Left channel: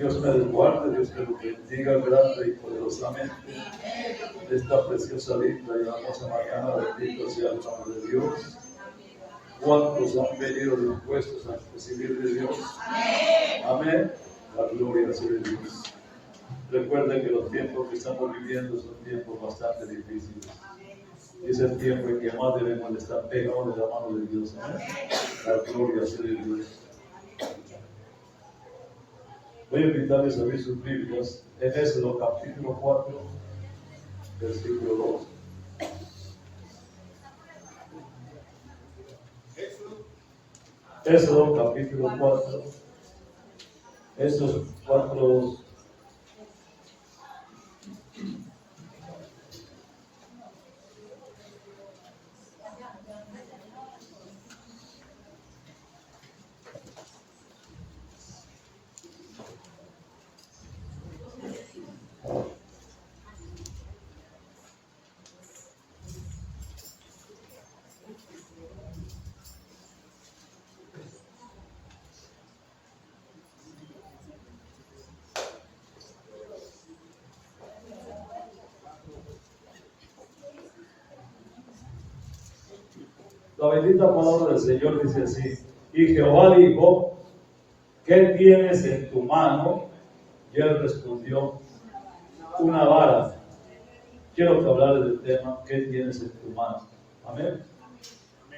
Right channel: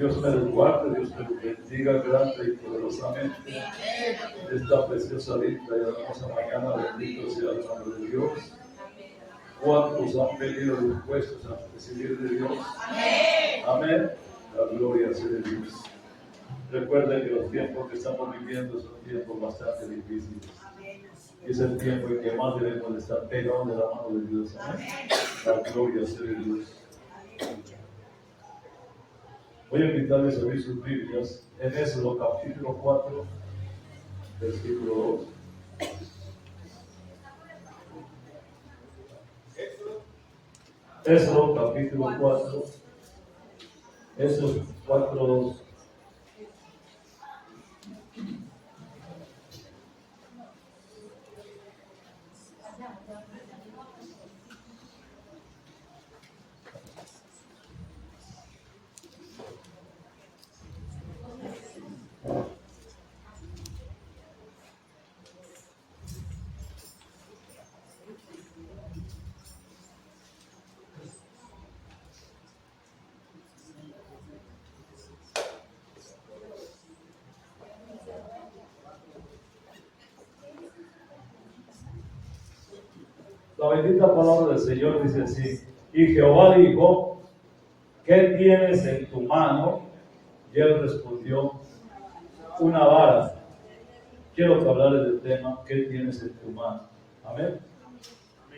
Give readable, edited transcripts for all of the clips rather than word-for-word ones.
Dios me resguarde, Dios me bendiga grande y poderosamente de esta preciosa linda y hermosa mañana. Bendito sea el nombre de Dios. ¿Cuántos han venido dispuestos a recibir de Dios? Amén. La gloria sea de Dios. Recuerden que los tiempos que estamos viviendo son tiempos bastante difíciles. Es el tiempo en que más debemos de estar pegados de la mano de Dios. Amén. La gloria sea de Dios. Voy a invitarles a abrir sus Biblias en Éxodo capítulo 4, versículo 2. Éxodo capítulo 4, Éxodo 4, 2. La bendita palabra del Señor dice así: y Jehová dijo, ¿qué tienes en tu mano? Y él respondió, una vara. Quiero que hablar del tema, ¿qué tienes en tu mano? Amén.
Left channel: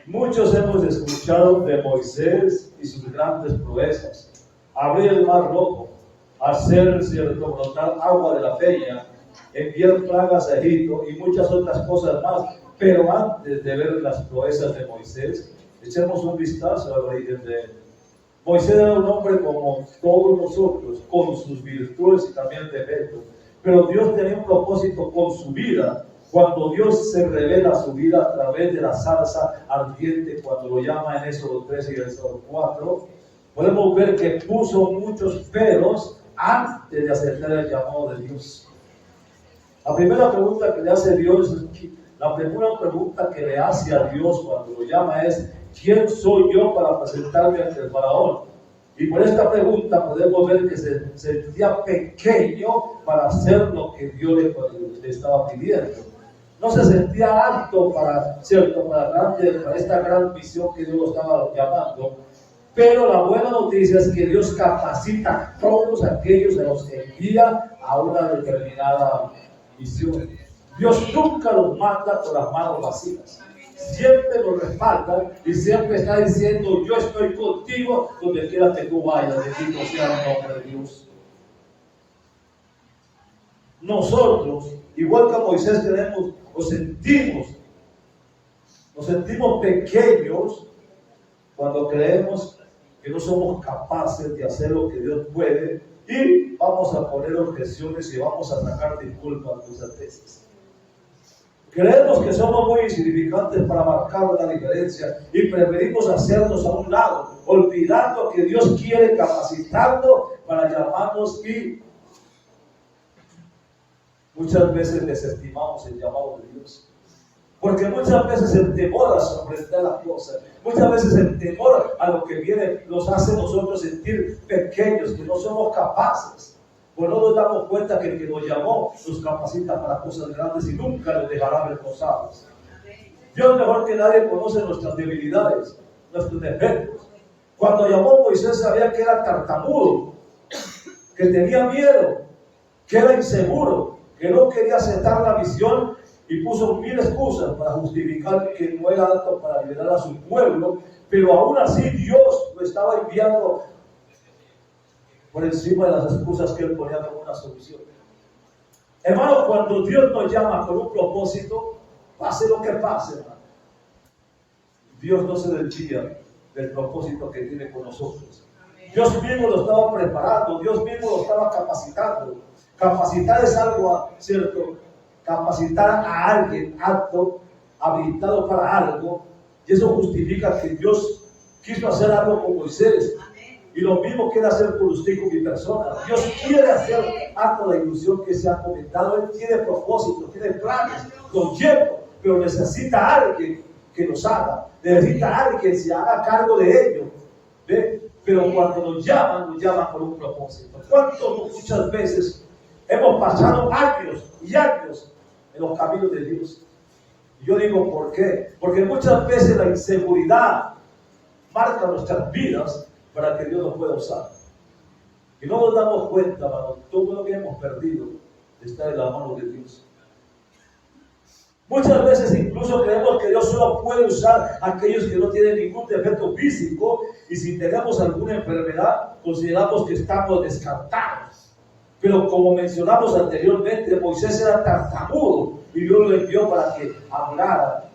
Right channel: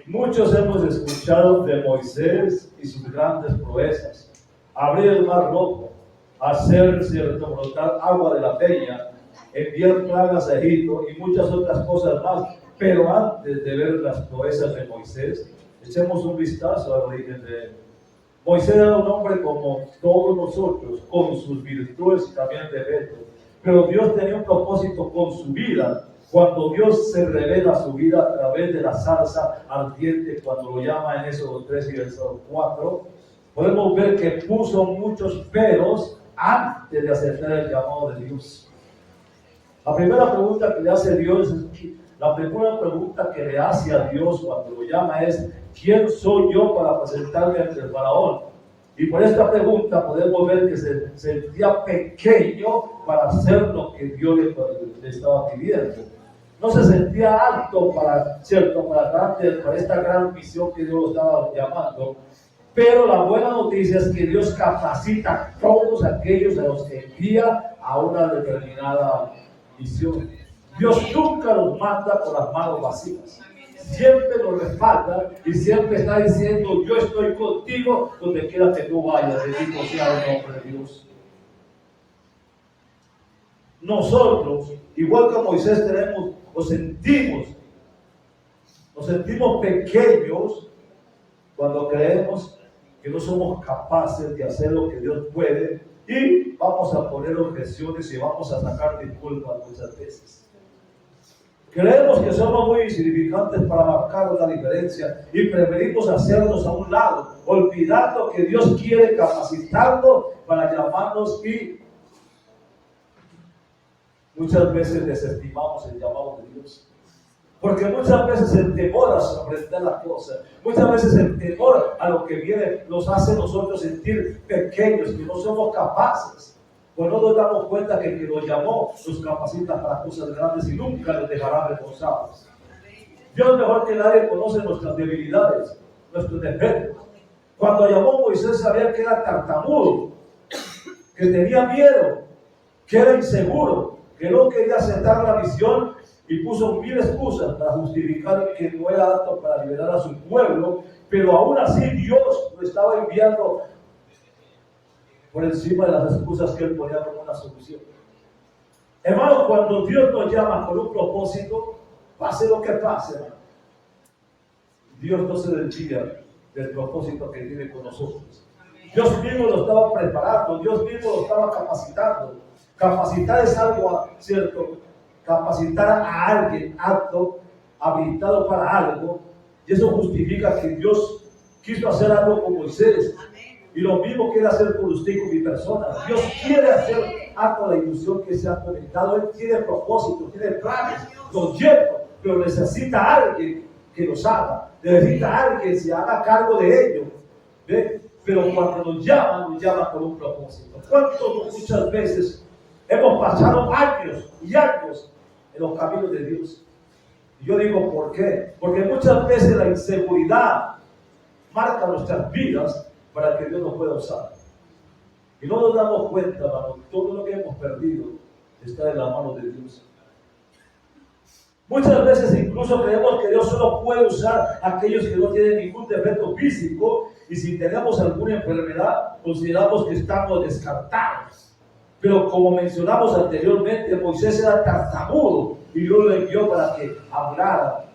Muchos hemos escuchado de Moisés y sus grandes proezas: abrir el mar rojo, hacer cierto brotar agua de la peña, enviar plagas a Egipto y muchas otras cosas más. Pero antes de ver las proezas de Moisés, echemos un vistazo al origen de él. Moisés era un hombre como todos nosotros, con sus virtudes y también defectos. Pero Dios tenía un propósito con su vida. Cuando Dios se revela a su vida a través de la zarza ardiente, cuando lo llama en Éxodo 3 y Éxodo 4, podemos ver que puso muchos peros antes de aceptar el llamado de Dios. La primera pregunta que le hace Dios, la primera pregunta que le hace a Dios cuando lo llama es: ¿quién soy yo para presentarme ante el faraón? Y por esta pregunta podemos ver que se sentía pequeño para hacer lo que Dios le estaba pidiendo. No se sentía alto para esta gran misión que Dios lo estaba llamando. Pero la buena noticia es que Dios capacita a todos aquellos a los que envía a una determinada misión. Dios nunca los manda con las manos vacías. Siempre los respalda y siempre está diciendo: yo estoy contigo donde quiera que tú vayas. Bendito sea el nombre de Dios. Nosotros, igual que Moisés, nos sentimos pequeños cuando creemos que no somos capaces de hacer lo que Dios puede, y vamos a poner objeciones y vamos a sacar disculpas muchas veces. Creemos que somos muy insignificantes para marcar la diferencia y preferimos hacernos a un lado, olvidando que Dios quiere capacitarnos para llamarnos, y muchas veces desestimamos el llamado de Dios. Porque muchas veces el temor a sorprender las cosas, muchas veces el temor a lo que viene nos hace nosotros sentir pequeños, que no somos capaces. Pues no nos damos cuenta que el que nos llamó nos capacita para cosas grandes y nunca nos dejará reposados. Dios mejor que nadie conoce nuestras debilidades, nuestros defectos. Cuando llamó a Moisés sabía que era tartamudo, que tenía miedo, que era inseguro, que no quería aceptar la misión, y puso 1000 excusas para justificar que no era apto para liberar a su pueblo. Pero aún así Dios lo estaba enviando por encima de las excusas que él ponía como una solución. Hermano, cuando Dios nos llama con un propósito, pase lo que pase, hermano, Dios no se desvía del propósito que tiene con nosotros. Dios mismo lo estaba preparando, Dios mismo lo estaba capacitando. Capacitar es algo cierto. Capacitar a alguien apto, habilitado para algo, y eso justifica que Dios quiso hacer algo con Moisés. Y lo mismo quiere hacer con usted y con mi persona. Dios quiere hacer algo de la ilusión que se ha comentado. Él tiene propósitos, tiene planes, los lleva, pero necesita a alguien que los haga. Necesita a alguien que se haga cargo de ello. ¿Ve? Pero cuando nos llaman con un propósito. ¿Cuántos muchas veces hemos pasado años y años en los caminos de Dios? Y yo digo, ¿por qué? Porque muchas veces la inseguridad marca nuestras vidas para que Dios nos pueda usar. Y no nos damos cuenta, hermano, todo lo que hemos perdido está en la mano de Dios. Muchas veces incluso creemos que Dios solo puede usar a aquellos que no tienen ningún defecto físico, y si tenemos alguna enfermedad, consideramos que estamos descartados. Pero como mencionamos anteriormente, Moisés era tartamudo y Dios lo envió para que hablara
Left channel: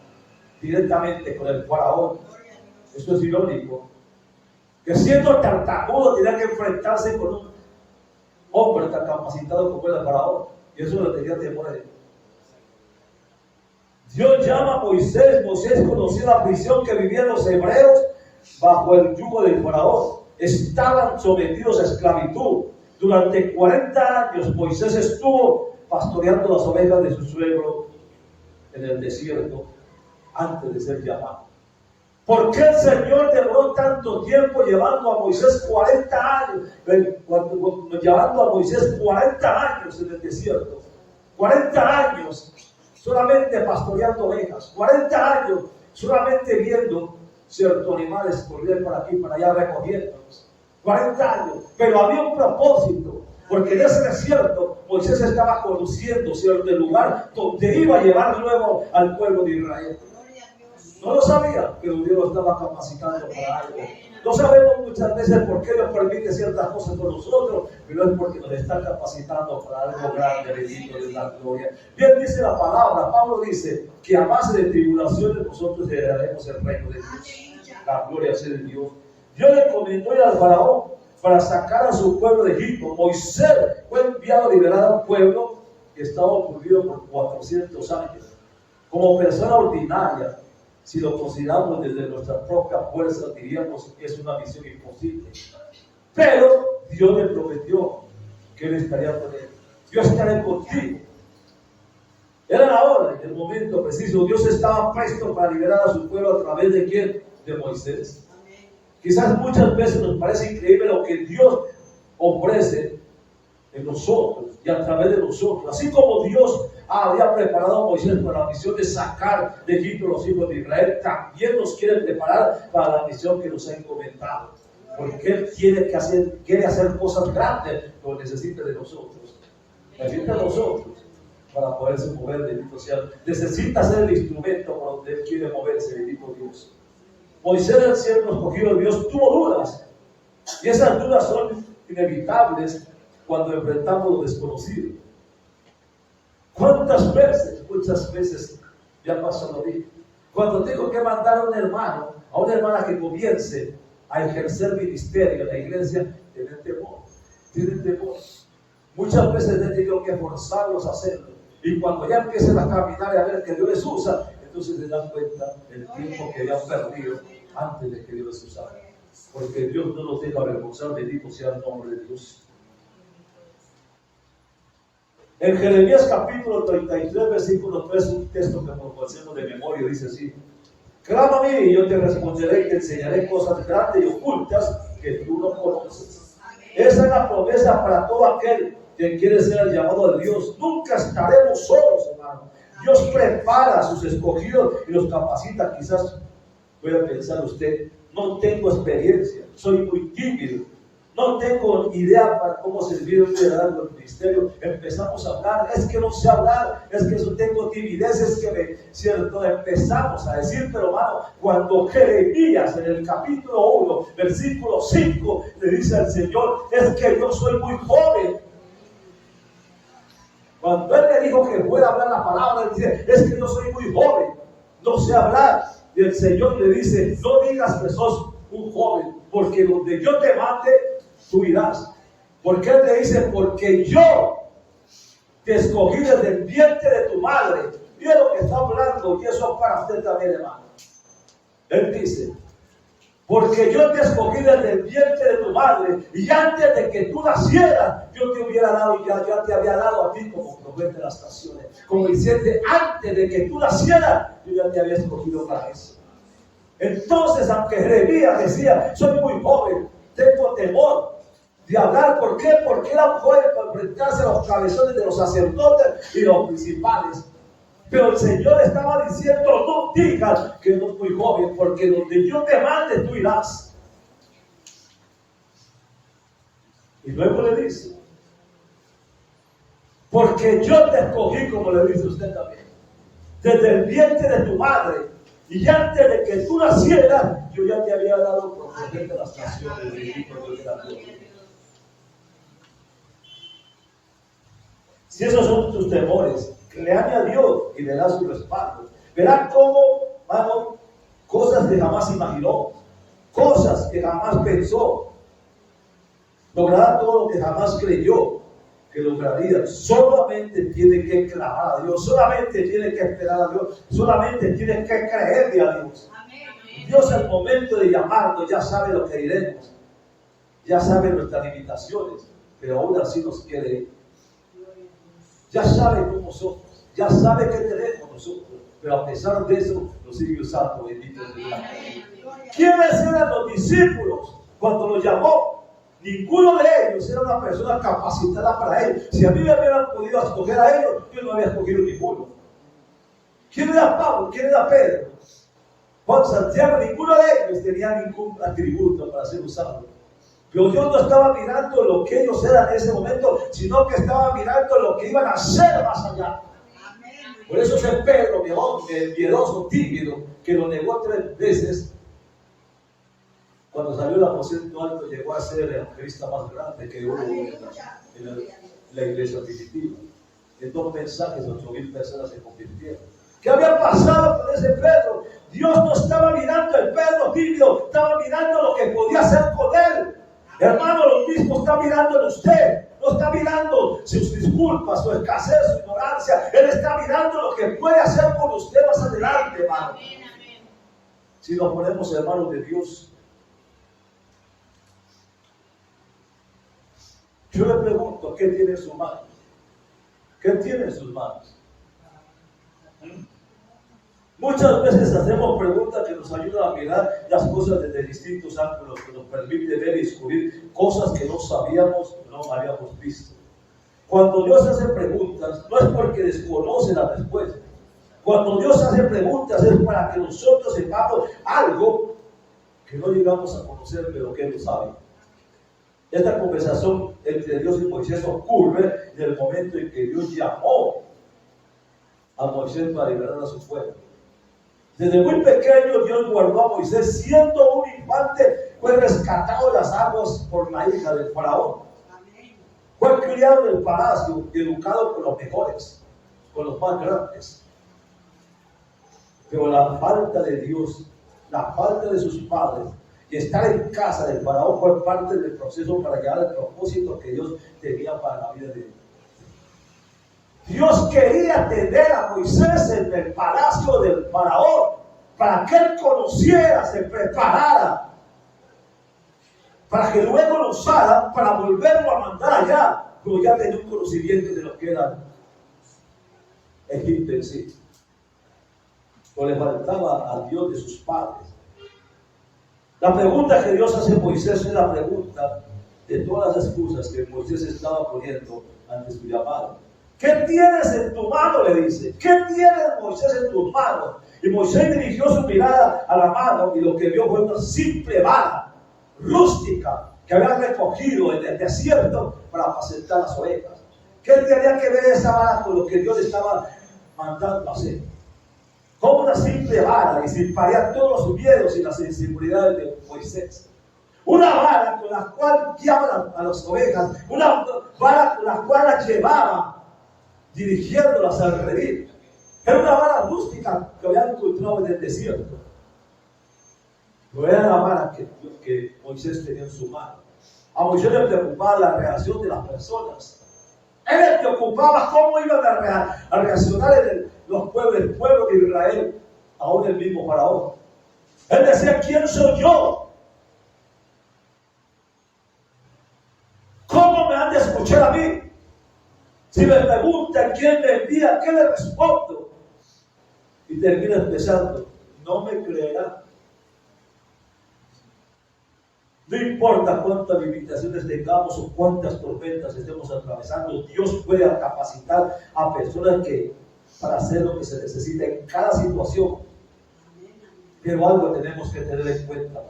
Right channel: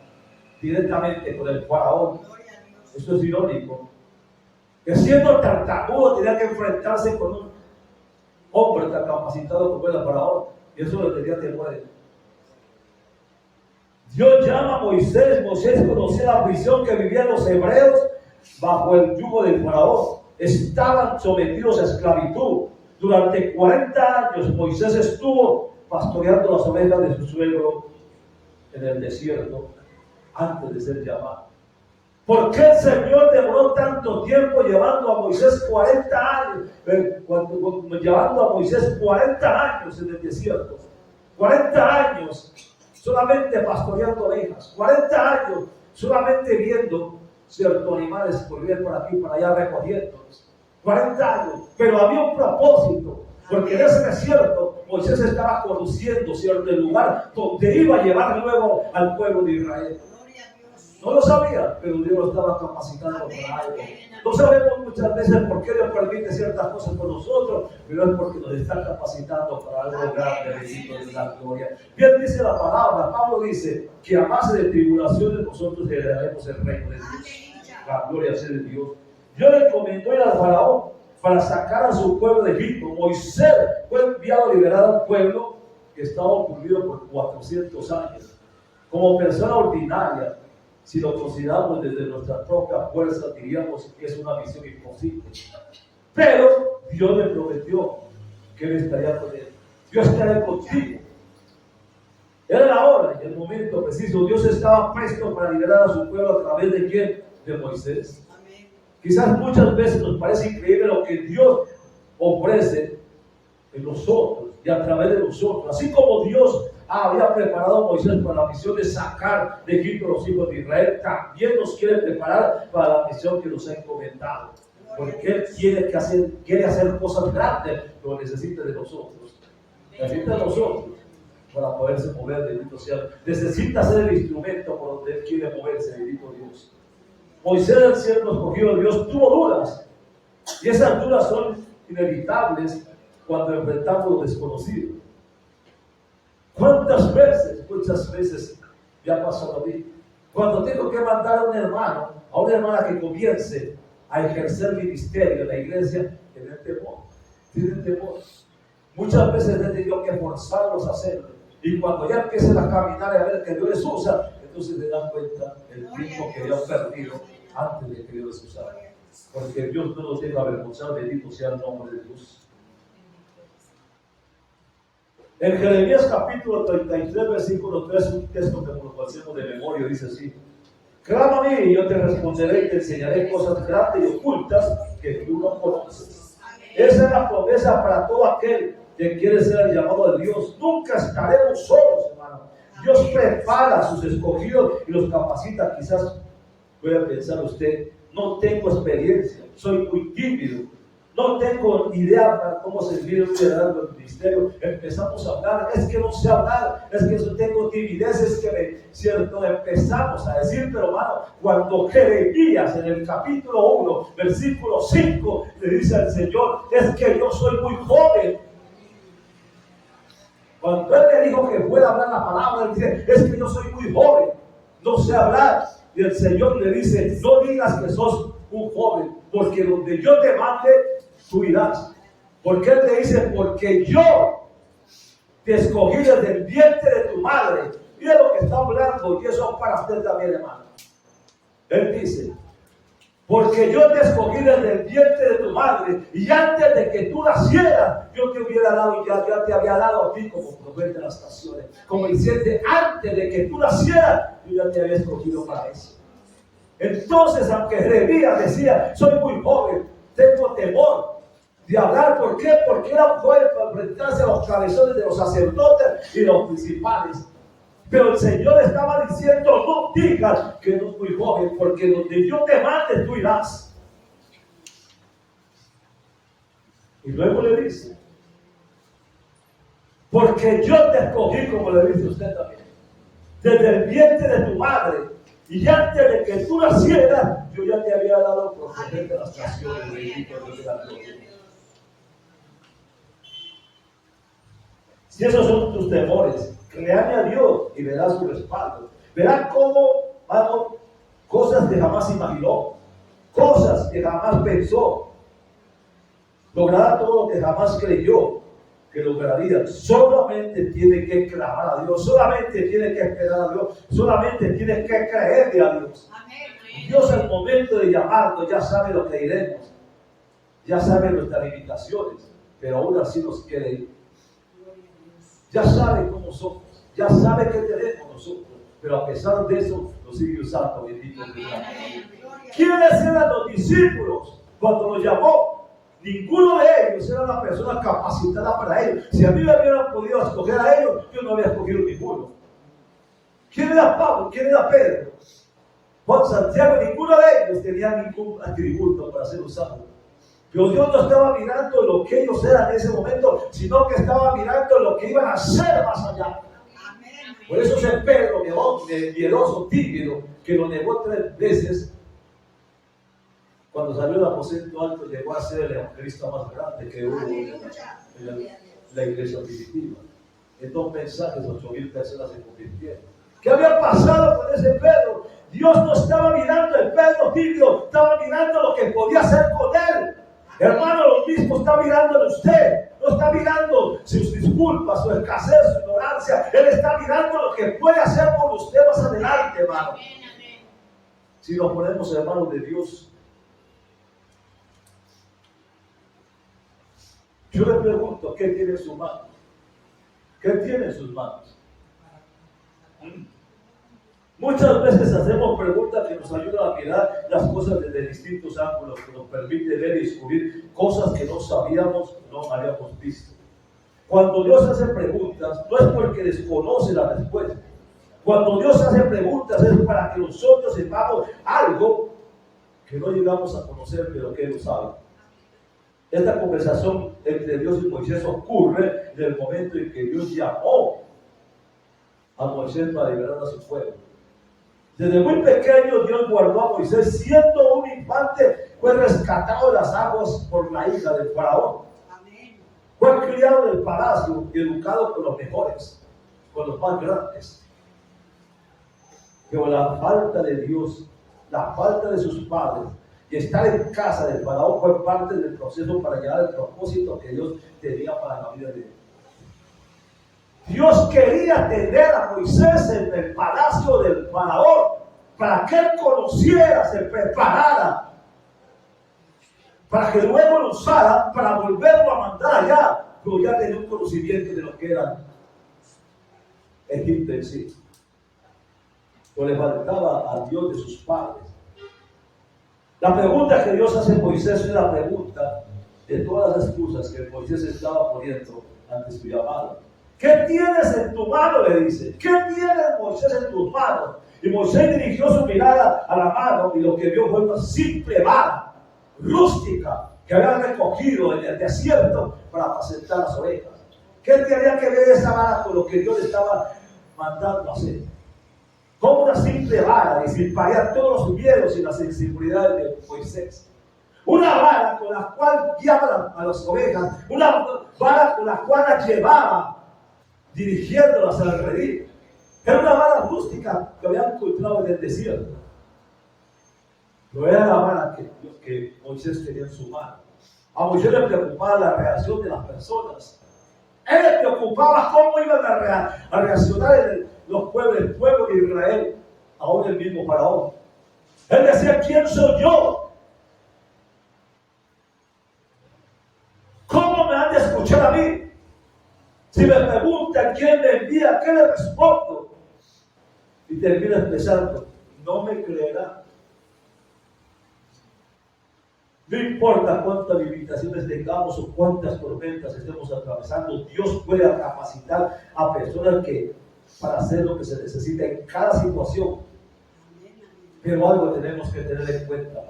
directamente con el faraón. Esto es irónico. Que siendo tartamudo tenía que enfrentarse con un hombre tan capacitado como era el faraón. Y eso le tenía temor a él. Dios llama a Moisés. Moisés conocía la prisión que vivían los hebreos bajo el yugo del faraón. Estaban sometidos a esclavitud. Durante 40 años Moisés estuvo pastoreando las ovejas de su suegro en el desierto antes de ser llamado. ¿Por qué el Señor demoró tanto tiempo llevando a Moisés 40 años? Llevando a Moisés 40 años en el desierto. 40 años solamente pastoreando ovejas. 40 años solamente viendo ciertos animales correr por aquí y por allá recogiéndolos. 40 años. Pero había un propósito. Porque en ese desierto Moisés estaba conduciendo cierto lugar donde iba a llevar luego al pueblo de Israel. No lo sabía, pero Dios lo estaba capacitando para algo. No sabemos muchas veces por qué Dios permite ciertas cosas con nosotros, pero es porque nos está capacitando para algo grande. Bendito de la gloria. Bien dice la palabra, Pablo dice que a base de tribulaciones nosotros heredaremos el reino de Dios. La gloria sea de Dios. Dios le encomendó ir al faraón para sacar a su pueblo de Egipto. Moisés fue enviado a liberar a un pueblo que estaba oprimido por 400 años. Como persona ordinaria, si lo consideramos desde nuestra propia fuerza, diríamos que es una misión imposible. Pero Dios le prometió que Él estaría con él. Yo estaré contigo. Era la hora, en el momento preciso. Dios estaba presto para liberar a su pueblo a través de ¿quién? De Moisés. Quizás muchas veces nos parece increíble lo que Dios ofrece en nosotros y a través de nosotros. Así como Dios había preparado a Moisés para la misión de sacar de Egipto a los hijos de Israel, también nos quiere preparar para la misión que nos ha encomendado. Porque Él quiere hacer cosas grandes, pero necesita de nosotros. Necesita de nosotros para poderse mover, bendito sea. Necesita ser el instrumento por donde Él quiere moverse, bendito Dios. Moisés, el siervo escogido de Dios, tuvo dudas. Y esas dudas son inevitables cuando enfrentamos lo desconocido. ¿Cuántas veces? Muchas veces me ha pasado a mí. Cuando tengo que mandar a un hermano, a una hermana que comience a ejercer ministerio en la iglesia, tienen temor. Tienen temor. Muchas veces he tenido que forzarlos a hacerlo. Y cuando ya empiecen a caminar y a ver que Dios les usa, entonces se dan cuenta del tiempo que habían perdido antes de que Dios les usara. Porque Dios no los deja avergonzar, bendito sea el nombre de Dios. En Jeremías capítulo 33, versículo 3, un texto que nos conocemos de memoria, dice así: clama a mí y yo te responderé y te enseñaré cosas grandes y ocultas que tú no conoces. Esa es la promesa para todo aquel que quiere ser el llamado de Dios. Nunca estaremos solos, hermano. Dios prepara a sus escogidos y los capacita. Quizás pueda pensar usted, no tengo experiencia, soy muy tímido, no tengo idea para cómo servir un liderazgo del ministerio. Empezamos a hablar, es que no sé hablar, es que tengo timidez, es que cierto, empezamos a decir, pero hermano, cuando Jeremías en el capítulo 1, versículo 5, le dice al Señor, es que yo soy muy joven. Cuando Él le dijo que pueda hablar la palabra, Él dice, es que yo soy muy joven, no sé hablar. Y el Señor le dice, no digas que sos un joven, porque donde yo te mande, tú irás. Porque Él le dice, porque yo te escogí desde el vientre de tu madre. Mira lo que está hablando, y eso es para usted también, hermano. Él dice, porque yo te escogí desde el vientre de tu madre, y antes de que tú nacieras, yo te hubiera dado, ya te había dado a ti como profeta de las naciones. Como diciendo, antes de que tú nacieras, yo ya te había escogido para eso. Entonces, aunque Jeremías decía, soy muy joven, tengo temor de hablar. ¿Por qué? Porque era joven para enfrentarse a los cabezones de los sacerdotes y los principales. Pero el Señor estaba diciendo, no digas que no es muy joven, porque donde yo te mande, tú irás. Y luego le dice, porque yo te escogí, como le dice usted también, desde el vientre de tu madre, y antes de que tú nacieras, yo ya te había dado profeta de las naciones de Egipto, Dios de la gloria. Si esos son tus temores, créame a Dios y verás su respaldo. Verás cómo, hermano, cosas que jamás imaginó, cosas que jamás pensó, logrará todo lo que jamás creyó que lograría. Solamente tiene que clamar a Dios, solamente tiene que esperar a Dios, solamente tiene que creerle a Dios. Dios al momento de llamarnos ya sabe lo que iremos, ya sabe nuestras limitaciones, pero aún así nos quiere ir. Ya sabe cómo somos, ya sabe qué tenemos nosotros, pero a pesar de eso nos sigue usando, bendito Dios. ¿Quiénes eran los discípulos cuando los llamó? Ninguno de ellos era una persona capacitada para ellos. Si a mí me hubieran podido escoger a ellos, yo no había escogido ninguno. ¿Quién era Pablo? ¿Quién era Pedro? Juan, Santiago, ninguno de ellos tenía ningún atributo para ser usado. Pero Dios no estaba mirando lo que ellos eran en ese momento, sino que estaba mirando lo que iban a hacer más allá. Por eso ese Pedro, miedoso, tímido, que lo negó 3 veces, cuando salió del aposento alto, llegó a ser el evangelista más grande que hubo en la iglesia primitiva. En 2 mensajes, 8,000 personas se convirtieron. ¿Qué había pasado con ese Pedro? Dios no estaba mirando el Pedro tímido, estaba mirando lo que podía hacer con él. Hermano, lo mismo está mirando en usted. No está mirando sus disculpas, su escasez, su ignorancia. Él está mirando lo que puede hacer con usted más adelante, hermano. Si nos ponemos en manos de Dios. Yo le pregunto, ¿qué tiene en sus manos? ¿Qué tiene en sus manos? Muchas veces hacemos preguntas que nos ayudan a mirar las cosas desde distintos ángulos, que nos permite ver y descubrir cosas que no sabíamos, no habíamos visto. Cuando Dios hace preguntas, no es porque desconoce la respuesta. Cuando Dios hace preguntas es para que nosotros sepamos algo que no llegamos a conocer, pero que Él lo sabe. Esta conversación entre Dios y Moisés ocurre en el momento en que Dios llamó a Moisés para liberar a su pueblo. Desde muy pequeño Dios guardó a Moisés, siendo un infante, fue rescatado de las aguas por la hija del faraón. Fue criado en el palacio y educado con los mejores, con los más grandes. Pero la falta de Dios, la falta de sus padres y estar en casa del faraón fue parte del proceso para llegar al propósito que Dios tenía para la vida de él. Dios quería tener a Moisés en el palacio del faraón para que él conociera, se preparara, para que luego lo usara para volverlo a mandar allá, pero ya tenía un conocimiento de lo que era Egipto en sí. Pero le faltaba a Dios de sus padres. La pregunta que Dios hace a Moisés es la pregunta de todas las excusas que Moisés estaba poniendo ante su llamado. ¿Qué tienes en tu mano? Le dice. ¿Qué tienes, Moisés, en tus manos? Y Moisés dirigió su mirada a la mano y lo que vio fue una simple vara rústica que había recogido en el desierto para apacentar las ovejas. ¿Qué tenía que ver esa vara con lo que Dios le estaba mandando a hacer? Como una simple vara disiparía todos los miedos y las inseguridades de Moisés. Una vara con la cual guiaba a las ovejas, una vara con la cual las llevaba dirigiéndolas al redil. Era una vara rústica que habían encontrado en el desierto. Pero era la vara que Moisés tenía en su mano. A Moisés le preocupaba la reacción de las personas. Él le preocupaba cómo iban a reaccionar el pueblo de Israel, aún el mismo faraón. Él decía, ¿quién soy yo? ¿Cómo me han de escuchar a mí? Si me preguntan quién me envía, ¿qué le respondo? Y termina expresando, no me creerá. No importa cuántas limitaciones tengamos o cuántas tormentas estemos atravesando, Dios puede capacitar a personas para hacer lo que se necesita en cada situación. Pero algo tenemos que tener en cuenta.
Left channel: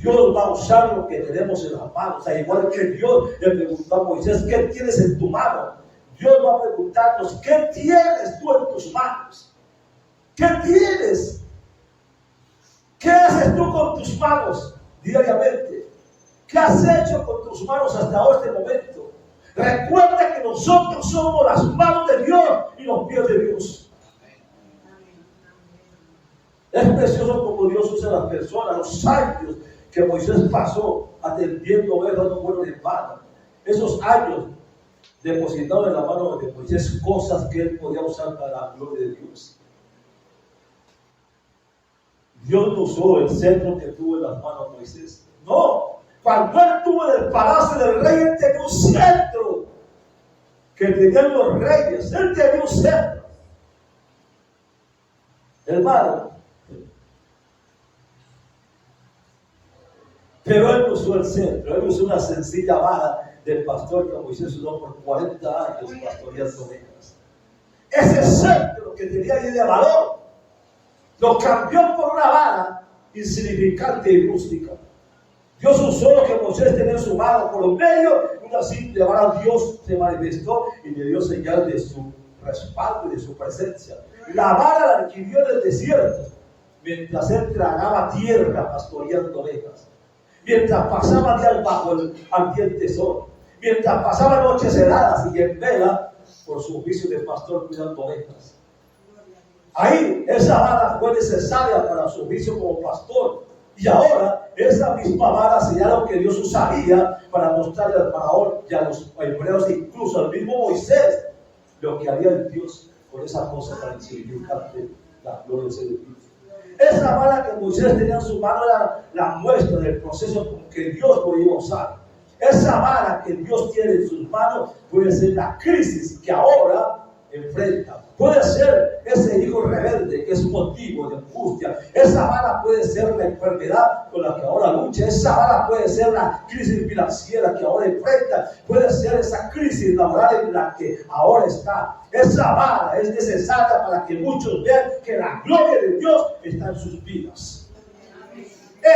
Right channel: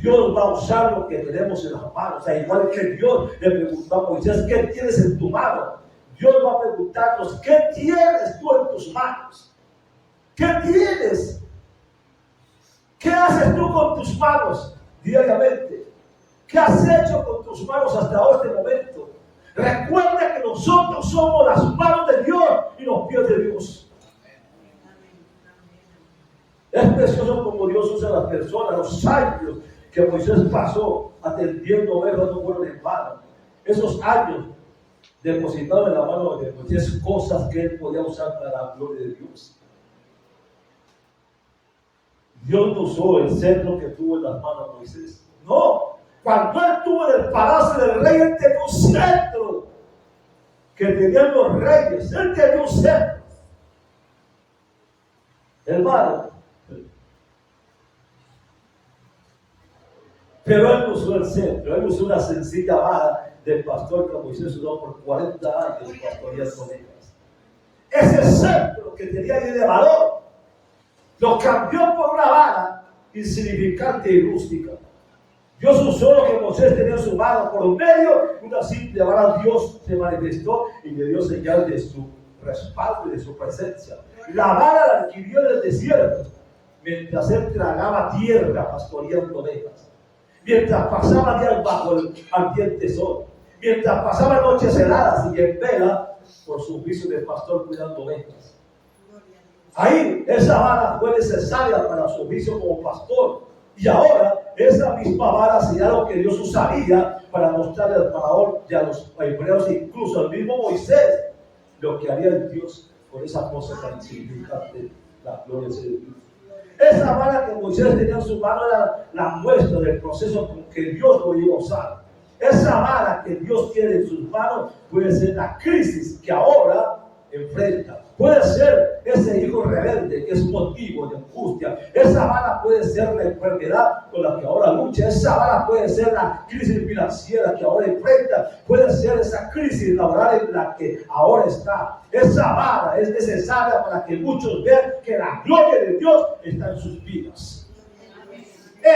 Dios va a usar lo que tenemos en las manos. O sea, igual que Dios le preguntó a Moisés, ¿qué tienes en tu mano? Dios va a preguntarnos, ¿qué tienes tú en tus manos? ¿Qué tienes? ¿Qué haces tú con tus manos diariamente? ¿Qué has hecho con tus manos hasta este momento? Recuerda que nosotros somos las manos de Dios y los pies de Dios. Es precioso como Dios usa a las personas, los años que Moisés pasó atendiendo ovejas no fueron en vano. Esos años depositados en la mano de Moisés, cosas que él podía usar para la gloria de Dios. Dios no usó el cetro que tuvo en las manos de Moisés. No, cuando él estuvo en el palacio del rey, él tenía un cetro que tenían los reyes. Él tenía un cetro. Hermano, pero él no usó el cetro, él usó una sencilla vara del pastor que Moisés usó por 40 años pastoreando ovejas. Ese cetro que tenía ahí de valor lo cambió por una vara insignificante y rústica. Dios usó lo que Moisés tenía en su mano por medio de una simple vara. Dios se manifestó y le dio señal de su respaldo y de su presencia. La vara la adquirió en el desierto mientras él tragaba tierra pastoreando ovejas, mientras pasaba días bajo el ardiente sol, mientras pasaba noches heladas y en vela por su oficio de pastor cuidando ovejas. Ahí esa vara fue necesaria para su oficio como pastor. Y ahora esa misma vara sería lo que Dios usaría para mostrarle al faraón y a los hebreos, incluso al mismo Moisés, lo que haría el Dios con esa cosa tan insignificante, la gloria de Dios. Esa vara que Moisés tenía en su mano era la muestra del proceso con que Dios lo iba a usar. Esa vara que Dios tiene en sus manos puede ser la crisis que ahora enfrenta. Puede ser ese hijo rebelde que es motivo de angustia. Esa vara puede ser la enfermedad con la que ahora lucha. Esa vara puede ser la crisis financiera que ahora enfrenta. Puede ser esa crisis laboral en la que ahora está. Esa vara es necesaria para que muchos vean que la gloria de Dios está en sus vidas.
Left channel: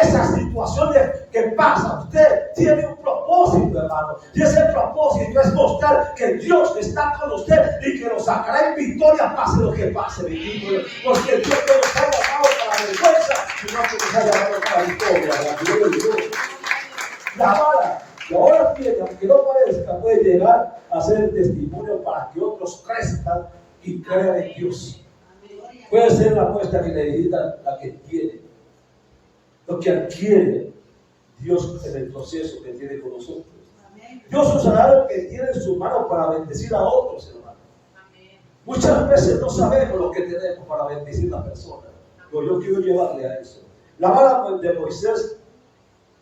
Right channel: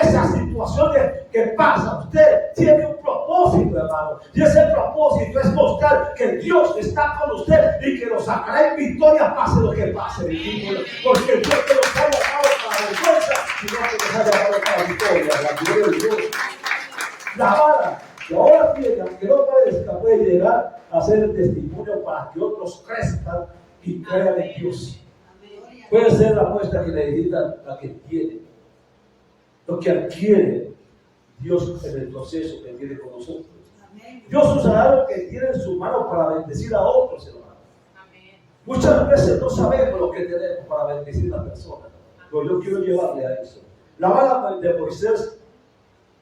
Esa situación que pasa, usted tiene un propósito, hermano. Y ese propósito es mostrar que Dios está con usted y que lo sacará en victoria, pase lo que pase. Porque Dios no nos ha llamado para la vergüenza, sino que nos ha llamado para la victoria, la gloria de Dios. La vara que ahora tiene, aunque no parezca, puede llegar a ser testimonio para que otros crezcan y crean en Dios. Puede ser la muestra que necesita la que tiene. Lo que adquiere Dios en el proceso que tiene con nosotros. Dios usará lo que tiene en su mano para bendecir a otros, hermanos. Muchas veces no sabemos lo que tenemos para bendecir a las personas. Pero yo quiero llevarle a eso. La vara de Moisés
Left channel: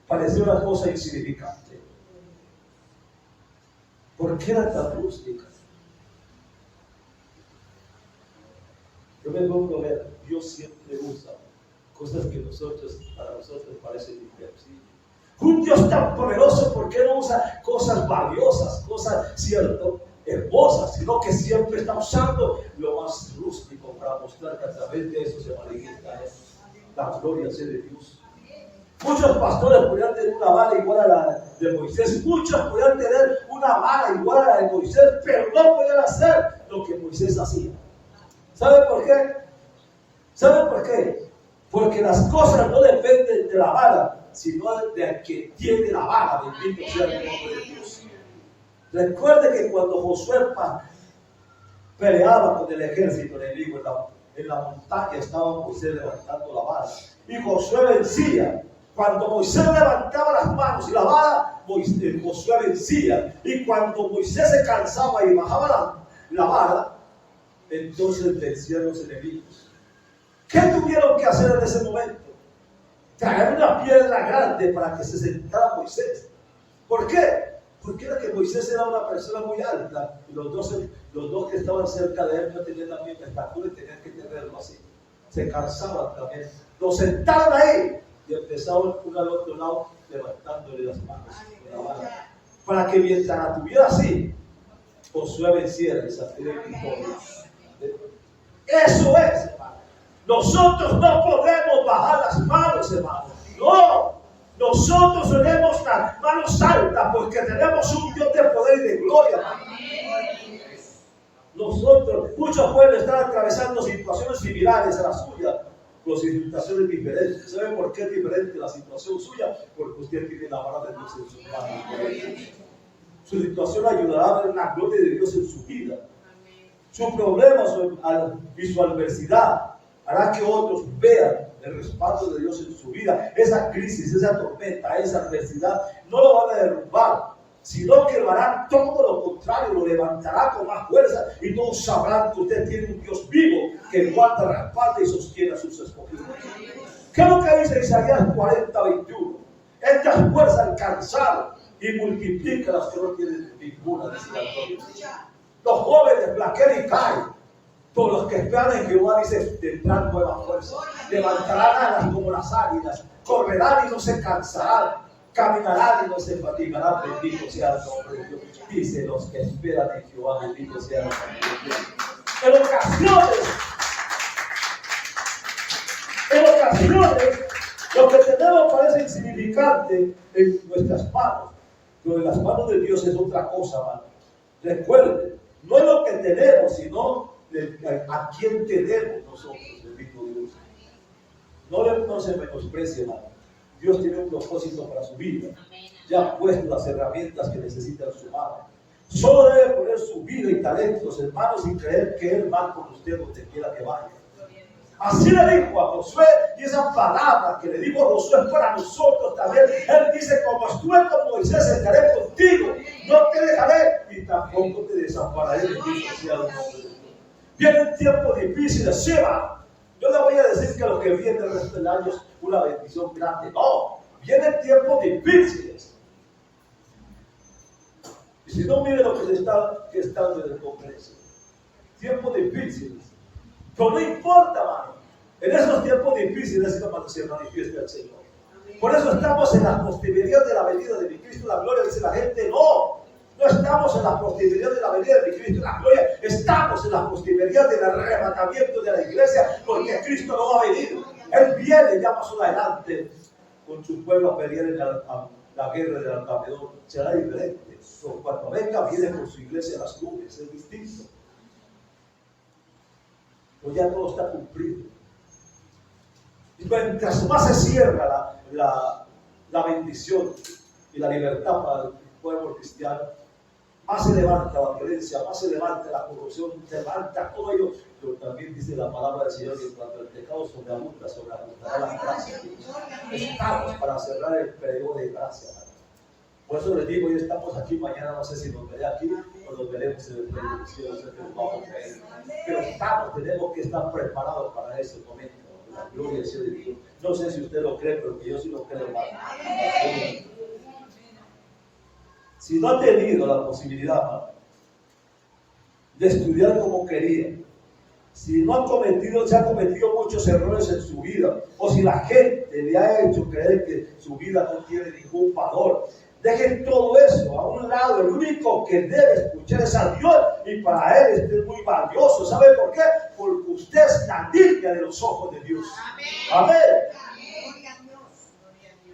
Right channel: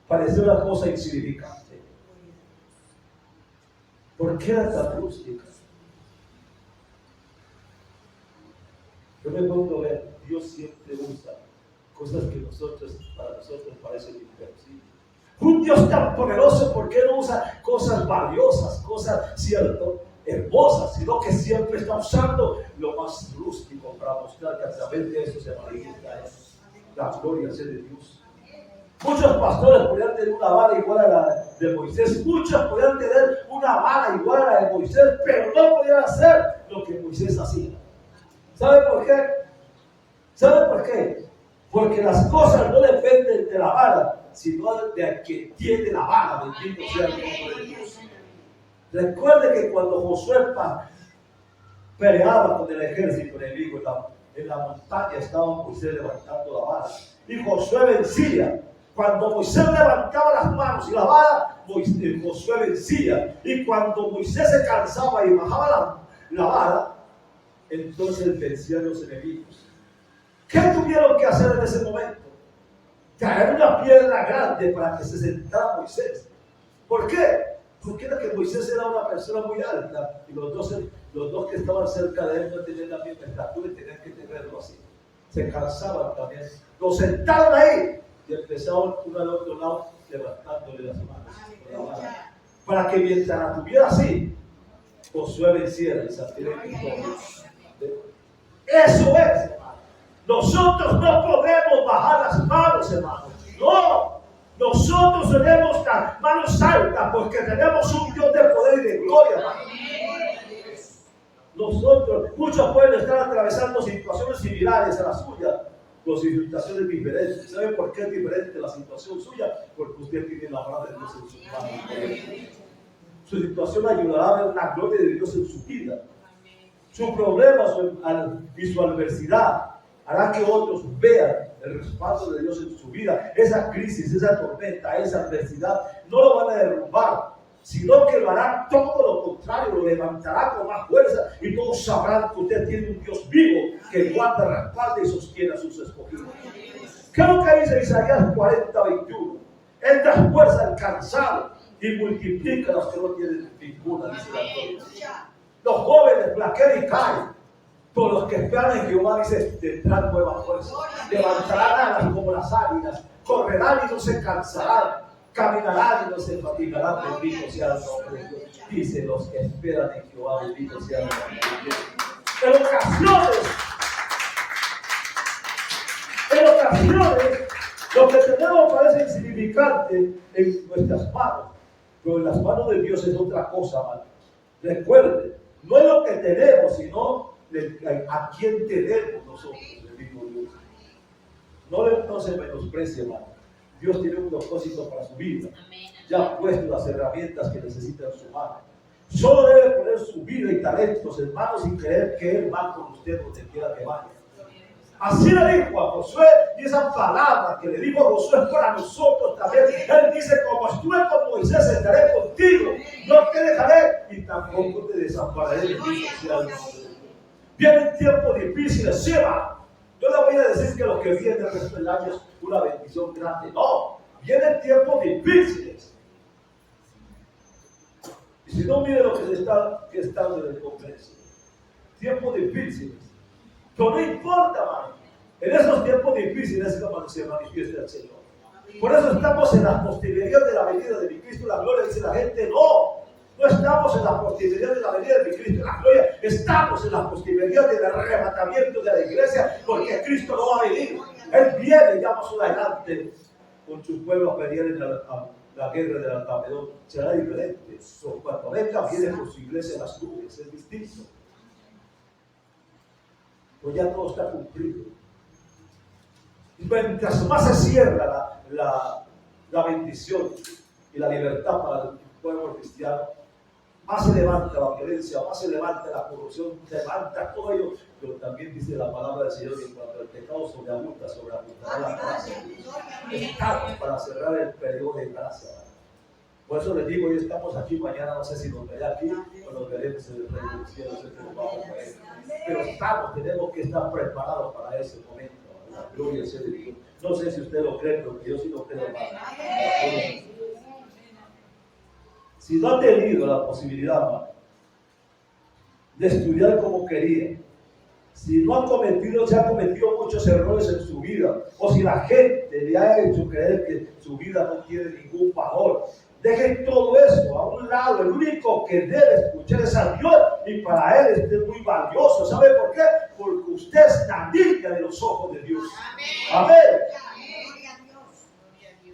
parecía una cosa insignificante. ¿Por qué era tan rústica? Yo me pongo a ver, Dios siempre usa cosas que para nosotros parecen imposibles. Un Dios tan poderoso, ¿por qué no usa cosas valiosas, cosas, cierto, hermosas, sino que siempre está usando lo más rústico para mostrar que a través de eso se manifiesta la gloria de Dios? Muchos pastores podrían tener una vara igual a la de Moisés, muchos podrían tener una vara igual a la de Moisés, pero no podían hacer lo que Moisés hacía. ¿Sabe por qué? ¿Sabe por qué? Porque las cosas no dependen de la vara, sino de quien tiene la vara. Bendito sea el nombre de Dios. Recuerde que cuando Josué peleaba con el ejército enemigo en la montaña, estaba Moisés levantando la vara. Y Josué vencía. Cuando Moisés levantaba las manos y la vara, Josué vencía. Y cuando Moisés se cansaba y bajaba la vara, entonces vencían los enemigos. ¿Qué tuvieron que hacer en ese momento? Traer una piedra grande para que se sentara Moisés. ¿Por qué? Porque era que Moisés era una persona muy alta y los dos que estaban cerca de él no tenían la misma estatura y tenían que tenerlo así. Se cansaban también. Lo sentaron ahí Y empezaba uno al otro lado levantándole las manos con la vara, para que mientras la tuviera así, Josué venciera y saliera victorioso. Eso es, hermano. Nosotros no podemos bajar las manos, hermano. No. Nosotros tenemos las manos altas porque tenemos un Dios de poder y de gloria, hermano. Nosotros, muchos pueden estar atravesando situaciones similares a la suya, con situaciones diferentes. ¿Sabe por qué es diferente la situación suya? Porque usted tiene la palabra de Dios en su mano. Su situación ayudará a ver la gloria de Dios en su vida. Su problema y su adversidad hará que otros vean el respaldo de Dios en su vida. Esa crisis, esa tormenta, esa adversidad no lo van a derrumbar, sino que lo harán todo lo contrario, lo levantará con más fuerza y todos sabrán que usted tiene un Dios vivo que guarda, respalda y sostiene a sus escogidos. ¿Qué es lo que dice Isaías 40:21? Él da fuerza al cansado y multiplica a los que no tienen ninguna, dice la Biblia. Los jóvenes flaquean y caen, pero los que esperan en Jehová, dice, tendrán nueva fuerza, levantarán alas como las águilas, correrán y no se cansarán, caminarán y no se fatigarán. Bendito sea el nombre de Dios. Dice, los que esperan en Jehová, bendito sea el nombre de Dios. En ocasiones, lo que tenemos parece insignificante en nuestras manos, pero en las manos de Dios es otra cosa, hermano. Recuerden, no es lo que tenemos, sino a quién tenemos nosotros, bendito Dios. No se menosprecie, hermano. Dios tiene un propósito para su vida. Ya ha puesto las herramientas que necesita en su mano. Solo debe poner su vida y talentos en manos y creer que Él va con usted donde quiera que vaya. Así le dijo a Josué, y esa palabra que le dijo a Josué es para nosotros también. Él dice, como estuve con Moisés, estaré contigo, no te dejaré y tampoco te desampararé. Bendito sea el nombre de Dios. Vienen tiempos difíciles, se va. Yo le voy a decir que lo que viene el resto del año es una bendición grande. No, vienen tiempos difíciles. Y si no, mire lo que está en el Congreso. Tiempos difíciles. Pero no importa, hermano. En esos tiempos difíciles es cuando se manifiesta el Señor. Por eso estamos en la posterioridad de la venida de mi Cristo, la gloria. Dice la gente, no estamos en la posterioridad de la venida de mi Cristo, la gloria. Estamos en la posterioridad del arrebatamiento de la iglesia, porque Cristo no va a venir. Él viene ya más adelante con su pueblo a pelear en la guerra del Armagedón. Será diferente. Cuando venga, viene con su iglesia en las nubes. Es distinto. Pues ya todo está cumplido. Y mientras más se cierra la bendición y la libertad para el pueblo cristiano, más se levanta la violencia, más se levanta la corrupción, se levanta todo ello. Pero también dice la palabra del Señor que cuando el pecado sobreabundará la gracia. Estamos para cerrar el periodo de gracia. Por eso les digo, hoy estamos aquí, mañana no sé si nos veré aquí o nos veremos en el reino del cielo, no sé qué nos vamos a ver. Pero tenemos que estar preparados para ese momento. La gloria sea de Dios. No sé si usted lo cree, pero yo sí lo creo más. Si no ha tenido la posibilidad, hermano, de estudiar como quería, si no se ha cometido muchos errores en su vida, o si la gente le ha hecho creer que su vida no tiene ningún valor, dejen todo eso a un lado. El único que debe escuchar es a Dios, y para Él este es muy valioso. ¿Sabe por qué? Porque usted es la niña de los ojos de Dios. Amén.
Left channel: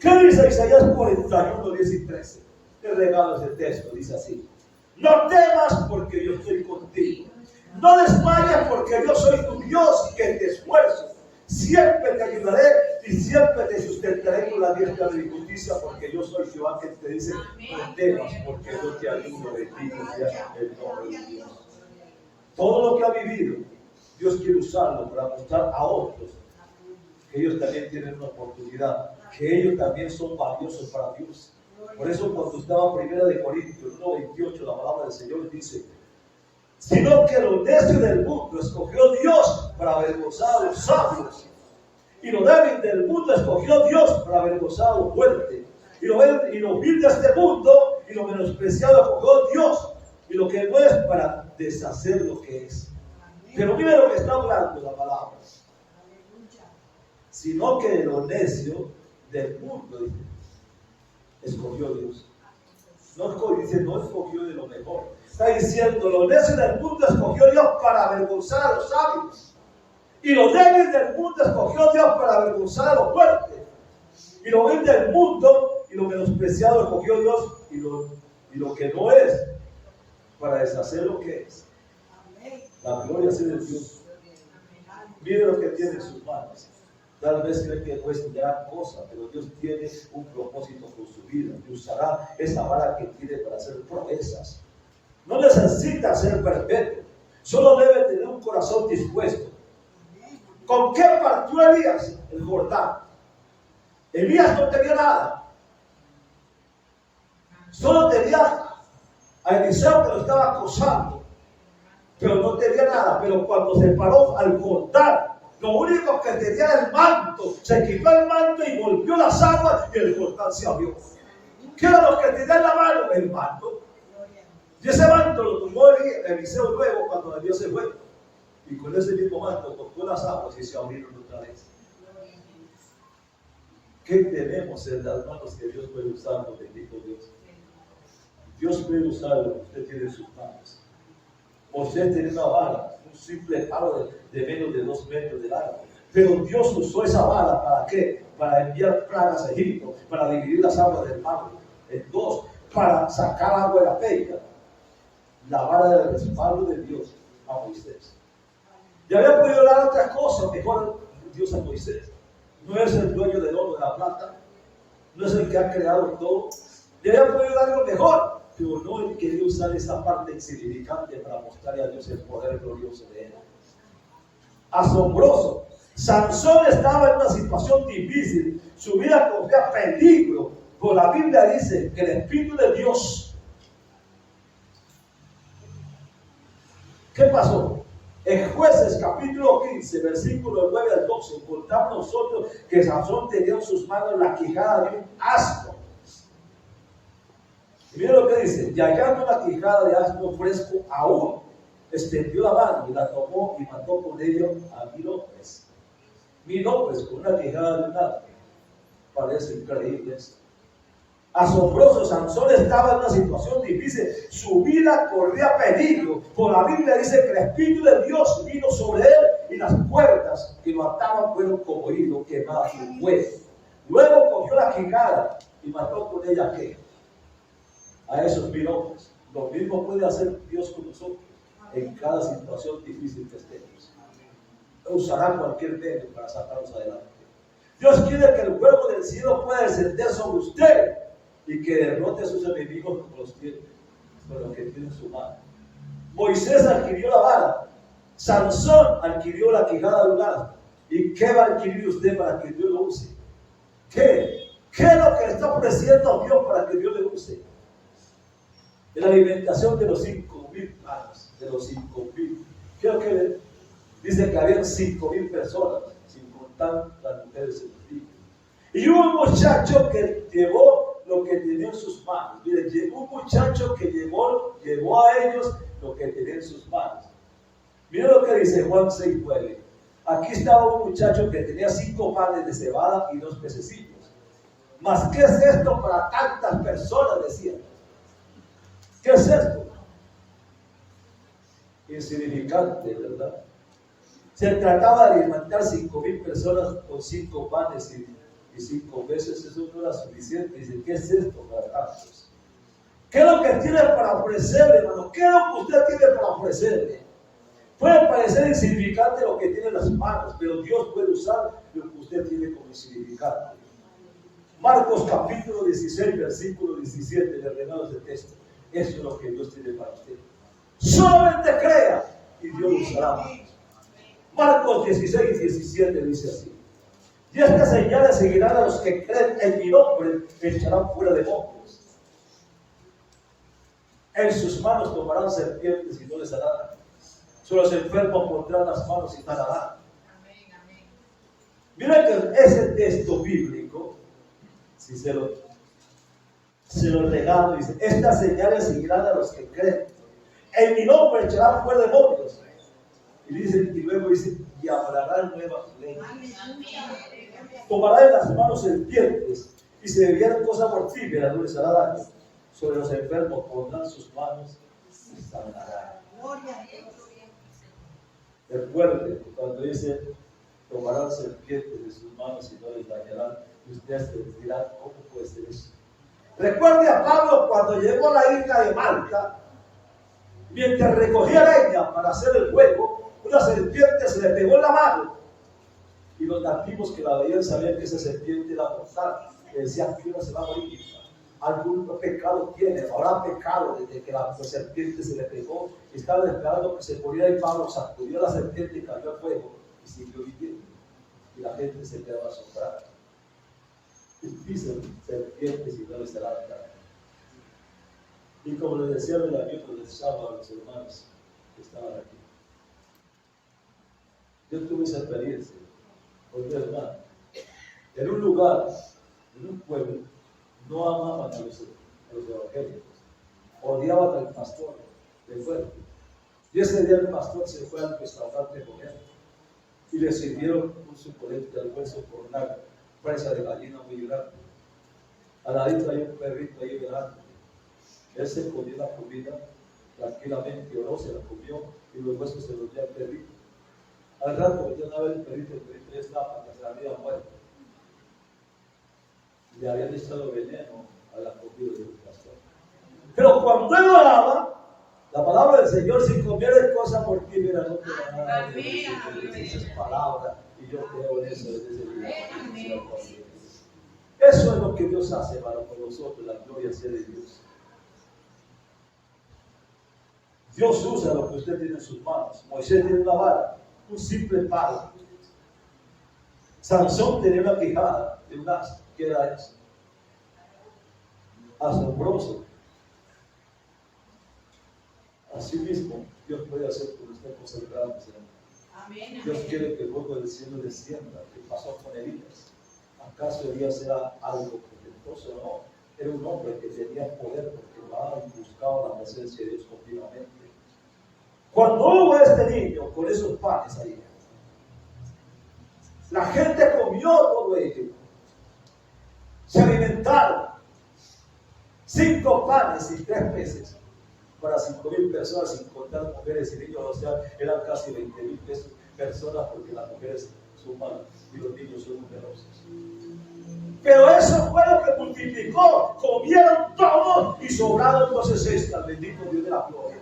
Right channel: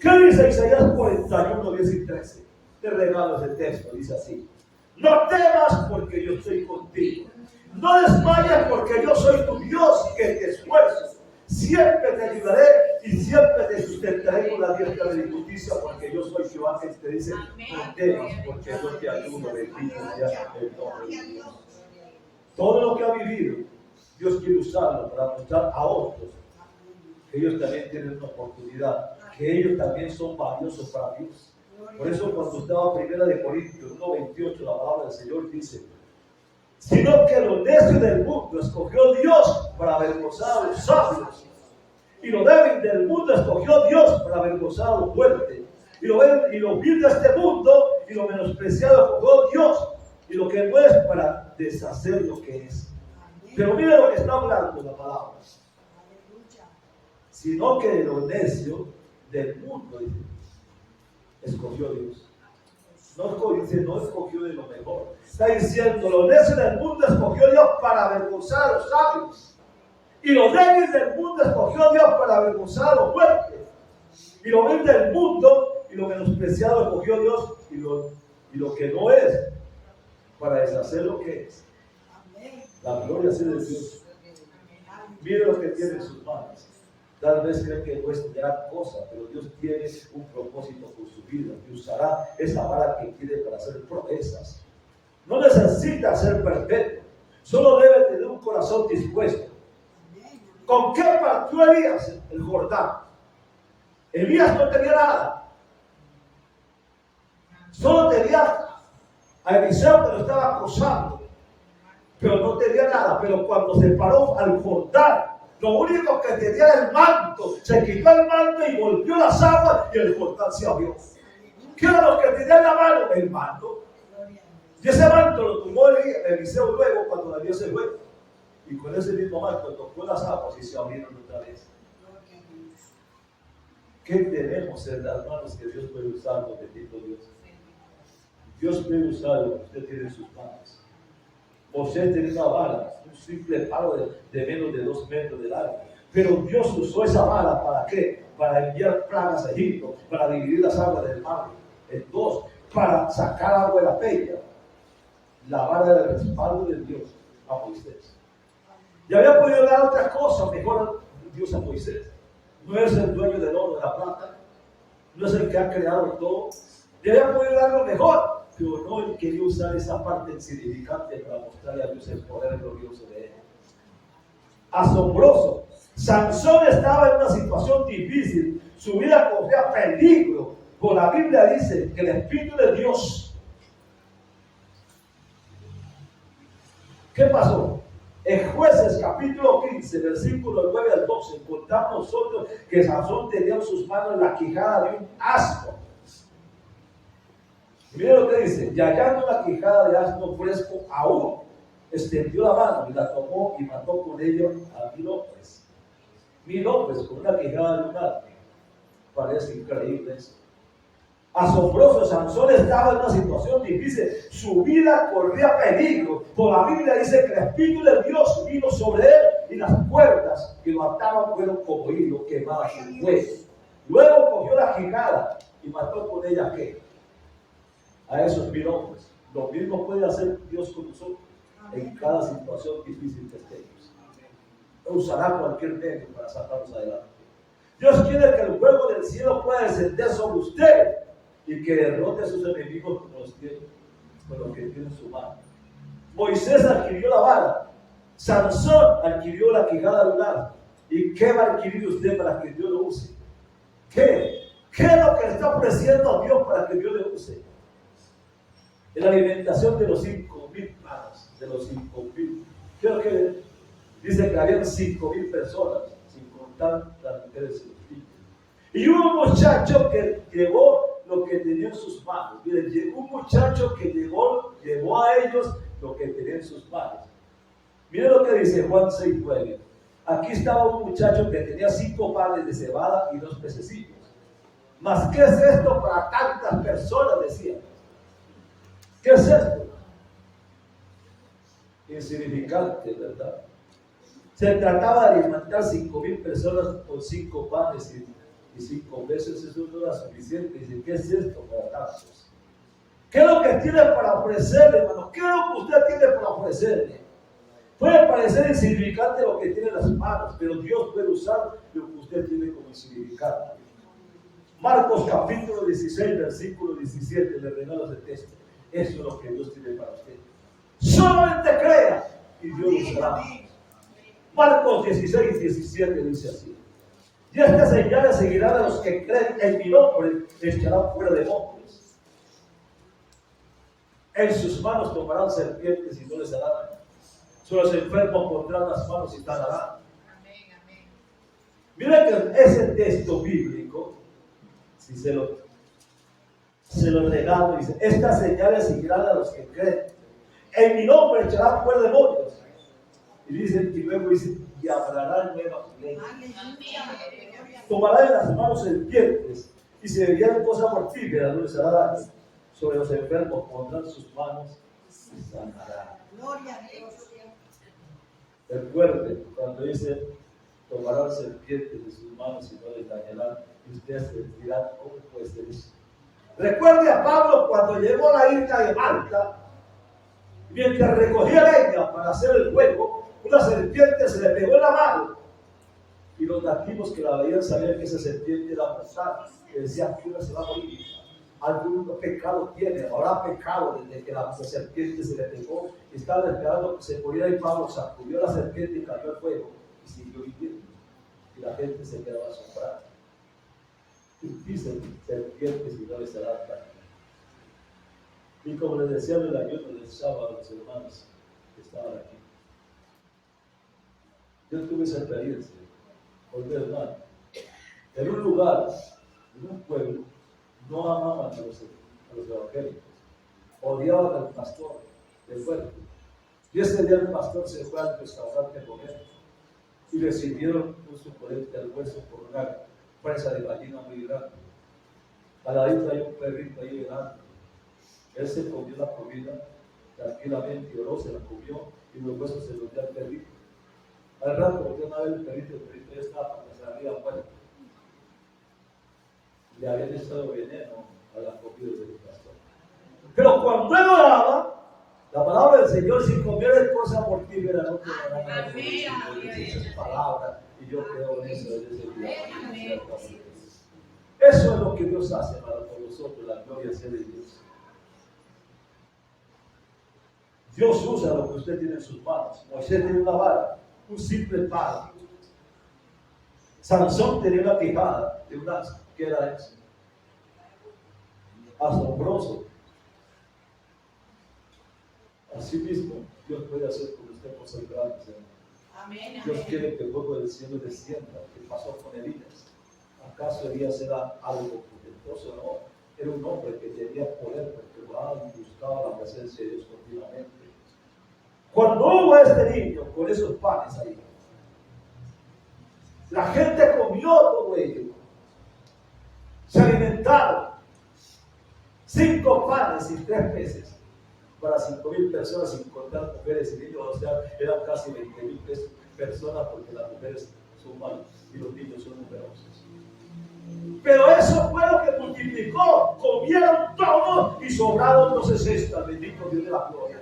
¿Qué dice Isaías 41, 10 y 13? Te regalo ese texto, dice así: no temas porque yo estoy contigo. No desmayes porque yo soy tu Dios que te esfuerzo. Siempre te ayudaré y siempre te sustentaré con la diestra de mi justicia, porque yo soy Jehová que te dice, no temas porque yo te ayudo. Bendito sea el nombre de Dios. Todo lo que ha vivido, Dios quiere usarlo para mostrar a otros que ellos también tienen una oportunidad, que ellos también son valiosos para Dios. Por eso cuando estaba 1 Corintios 1:28, la palabra del Señor dice, sino que lo necio del mundo escogió Dios para avergonzar a los sabios, y lo débil del mundo escogió Dios para avergonzar a los fuertes, y lo vil de este mundo y lo menospreciado escogió Dios, y lo que no es para deshacer lo que es. Pero mire lo que está hablando la palabra: sino que lo necio del mundo, dice, escogió Dios. Dice, no escogió de lo mejor. Está diciendo, los necios del mundo escogió Dios para avergonzar a los sabios. Y los débiles del mundo escogió Dios para avergonzar a los fuertes. Y lo vil del mundo y lo menospreciado escogió Dios y lo que no es para deshacer lo que es. La gloria sea de Dios. Mire lo que tiene en sus manos. Tal vez cree que no es gran cosa, pero Dios tiene un propósito con su vida y usará esa vara que tiene para hacer proezas. No necesita ser perfecto, solo debe tener un corazón dispuesto. ¿Con qué partió Elías el Jordán? Elías no tenía nada, solo tenía a Eliseo que lo estaba acosando, pero no tenía nada. Pero cuando se paró al Jordán, lo único que tenía era el manto. Se quitó el manto y volvió las aguas y el Jordán se abrió. ¿Qué era lo que tenía en la mano? El manto. Y ese manto lo tomó Eliseo luego cuando Dios se fue. Y con ese mismo manto tocó las aguas y se abrieron otra vez. ¿Qué tenemos en las manos que Dios puede usar? Bendito Dios. Dios puede usar lo que usted tiene en sus manos. Moisés tenía una vara, un simple palo de menos de 2 metros de largo. Pero Dios usó esa vara ¿para qué? Para enviar plagas a Egipto, para dividir las aguas del mar en 2, para sacar agua de la peña. La vara del respaldo de Dios a Moisés. Y había podido dar otra cosa mejor Dios a Moisés. No es el dueño del oro, de la plata, no es el que ha creado todo. Y había podido dar lo mejor, pero no él quería usar esa parte insignificante para mostrarle a Dios el poder glorioso de él. Asombroso. Sansón estaba en una situación difícil, su vida corría peligro, pero la Biblia dice que el Espíritu de Dios. ¿Qué pasó? En Jueces capítulo 15, versículo 9 al 12, encontramos nosotros que Sansón tenía en sus manos la quijada de un asno. Mira lo que dice: y hallando la quijada de asno fresco aún, extendió la mano y la tomó y mató con ello a 1000 hombres. 1000 hombres con una quijada de un asno. Parece increíble eso. Asombroso, Sansón estaba en una situación difícil, su vida corría peligro. Por la Biblia dice que el Espíritu de Dios vino sobre él y las cuerdas que lo ataban fueron como hilo quemadas en fuego. Luego cogió la quijada y mató con ella ¿qué? A esos 1000 hombres. Lo mismo puede hacer Dios con nosotros en cada situación difícil que estemos. Usará cualquier medio para sacarnos adelante. Dios quiere que el fuego del cielo pueda descender sobre usted y que derrote a sus enemigos con lo que tiene en su mano. Moisés adquirió la vara, Sansón adquirió la quijada de un asno. ¿Y qué va a adquirir usted para que Dios lo use? ¿Qué es lo que le está ofreciendo a Dios para que Dios le use? En la alimentación de los 5,000 panes, de los 5,000. Creo que dice que habían 5,000 personas, sin contar las mujeres y los niños. Y hubo un muchacho que llevó lo que tenía en sus manos. Miren, llegó un muchacho que llevó a ellos lo que tenía en sus manos. Miren lo que dice Juan 6:9. Aquí estaba un muchacho que tenía 5 panes de cebada y 2 pececillos. Mas, ¿qué es esto para tantas personas? Decían. ¿Qué es esto? Insignificante, ¿verdad? Se trataba de alimentar 5,000 personas con 5 panes y 5 veces. Eso no era suficiente. Dice, ¿qué es esto para tantos? ¿Qué es lo que tiene para ofrecerle, hermano? ¿Qué es lo que usted tiene para ofrecerle? Puede parecer insignificante lo que tiene en las manos, pero Dios puede usar lo que usted tiene como insignificante. Marcos capítulo 16, versículo 17, le regalo ese texto. Eso es lo que Dios tiene para usted. Solamente crea y Dios lo usará. Marcos 16, 17 dice así: y estas señales seguirán a los que creen en mi nombre, echarán fuera demonios. En sus manos tomarán serpientes y no les hará daño. Sobre los enfermos pondrán las manos y sanarán. Miren que ese texto bíblico, si se lo regalo, dice: estas señales seguirán a los que creen. En mi nombre echarán fuera demonios. Y luego dice: y hablarán nuevas lenguas. Tomará en las manos serpientes, y si bebieren cosa mortífera no les hará daño. Sobre los enfermos pondrán sus manos y sanarán. Recuerde cuando dice tomarán serpientes de sus manos y no les dañarán, y ustedes se dirán, ¿cómo puede ser eso? Recuerde a Pablo cuando llegó a la isla de Malta, mientras recogía leña para hacer el fuego, una serpiente se le pegó en la mano, y los nativos que la veían sabían que esa serpiente era mortal, que decían que una se va a morir. Algún pecado tiene, habrá pecado desde que la serpiente se le pegó, y estaban esperando que se muriera, y Pablo sacudió la serpiente y cayó al fuego y siguió viviendo, y la gente se quedaba asombrada. Dicen serpientes y no les harán daño. Y como les decía en el ayuno del sábado a los hermanos que estaban aquí, yo tuve esa experiencia con mi hermano. En un lugar, en un pueblo, no amaban a los evangélicos, odiaban al pastor del pueblo. Y ese día el pastor se fue al restaurante con él y le sirvieron un suculente almuerzo con una presa de gallina muy grande. Al ladito hay un perrito ahí velando. Él se comió la comida tranquilamente, oró, se la comió y los huesos se los dio al perrito. Al rato volvió a ver el perrito ya estaba para que se había muerto. Le habían echado veneno a la comida del pastor. Pero cuando él oraba, la palabra del Señor, si comieres cosas mortíferas, no te van a dar esas palabras, y yo creo en eso desde ese día. Eso es lo que Dios hace para con nosotros, la gloria sea de Dios. Dios usa lo que usted tiene en sus manos. Moisés tiene una vara, un simple palo. Sansón tenía una quijada de un asno. ¿Qué era eso? Asombroso. Así mismo, Dios puede hacer con usted cosas grandes, hermano. Amén. Dios quiere que el fuego del cielo descienda. ¿Qué pasó con Elías? ¿Acaso Elías era algo potentoso? No. Era un hombre que tenía poder porque buscaba la presencia de Dios continuamente. Cuando hubo este niño con esos panes ahí, la gente comió todo ello. Se alimentaron. 5 panes y 3 peces para 5,000 personas, sin contar mujeres y niños. O sea, eran casi 20,000 personas, porque las mujeres son malas y los niños son numerosos. Pero eso fue lo que multiplicó. Comieron todos y sobraron 12 cestas. Bendito Dios de la gloria.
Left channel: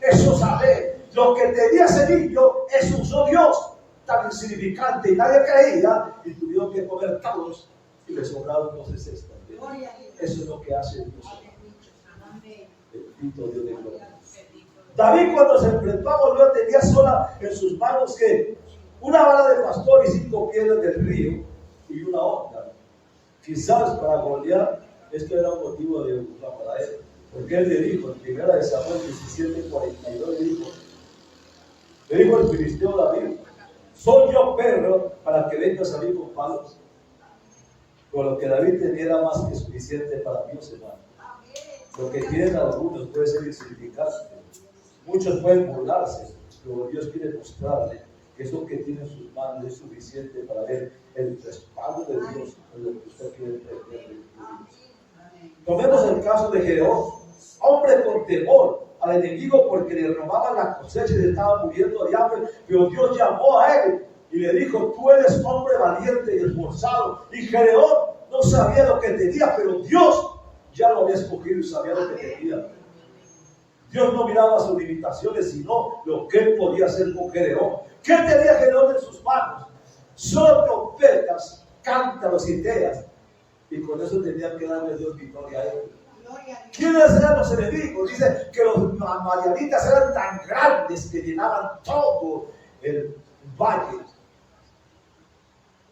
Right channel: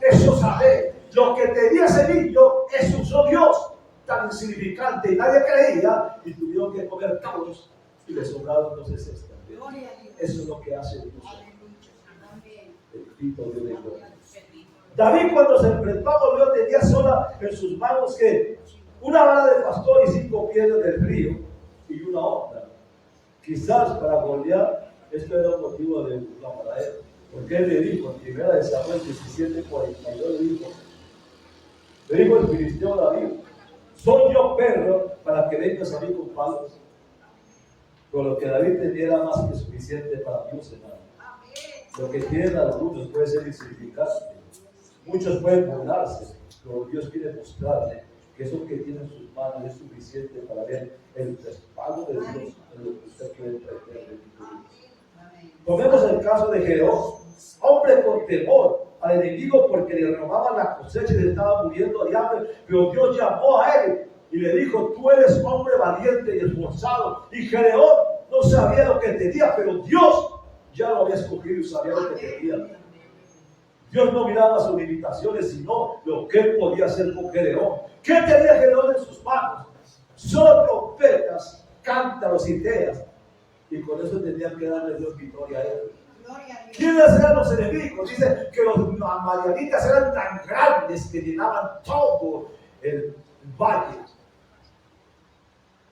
Eso sabe. Lo que tenía ese niño, eso usó Dios. Tan insignificante y nadie creía, y tuvieron que comer todos y le sobraron 12 cestas. Eso es lo que hace Dios. Bendito Dios de gloria. David, cuando se enfrentó a Goliat, tenía sola en sus manos que una vara de pastor y 5 piedras del río y una onda. Quizás para Goliat esto era un motivo de burla para él, porque él le dijo en 1 Samuel 17:42, le dijo el filisteo David: ¿soy yo perro para que vengas a mí con palos? Pero lo que David tenía era más que suficiente para Dios, hermano. Lo que tienen algunos puede ser insignificante. Muchos pueden burlarse, pero Dios quiere mostrarle que eso que tiene en sus manos es suficiente para ver el respaldo de Dios en lo que usted quiere entender. Tomemos el caso de Gedeón, hombre con temor al enemigo porque le robaban la cosecha y le estaba muriendo de hambre, pero Dios llamó a él y le dijo: tú eres hombre valiente y esforzado. Y Gedeón no sabía lo que tenía, pero Dios ya lo había escogido y sabía lo que tenía. Dios no miraba sus limitaciones, sino lo que él podía hacer con Gedeón. ¿Qué tenía Gedeón en sus manos? Solo trompetas, cántaros y teas. Y con eso tenían que darle Dios victoria a él. ¿Quiénes eran los enemigos? Dice que los madianitas eran tan grandes que llenaban todo el valle.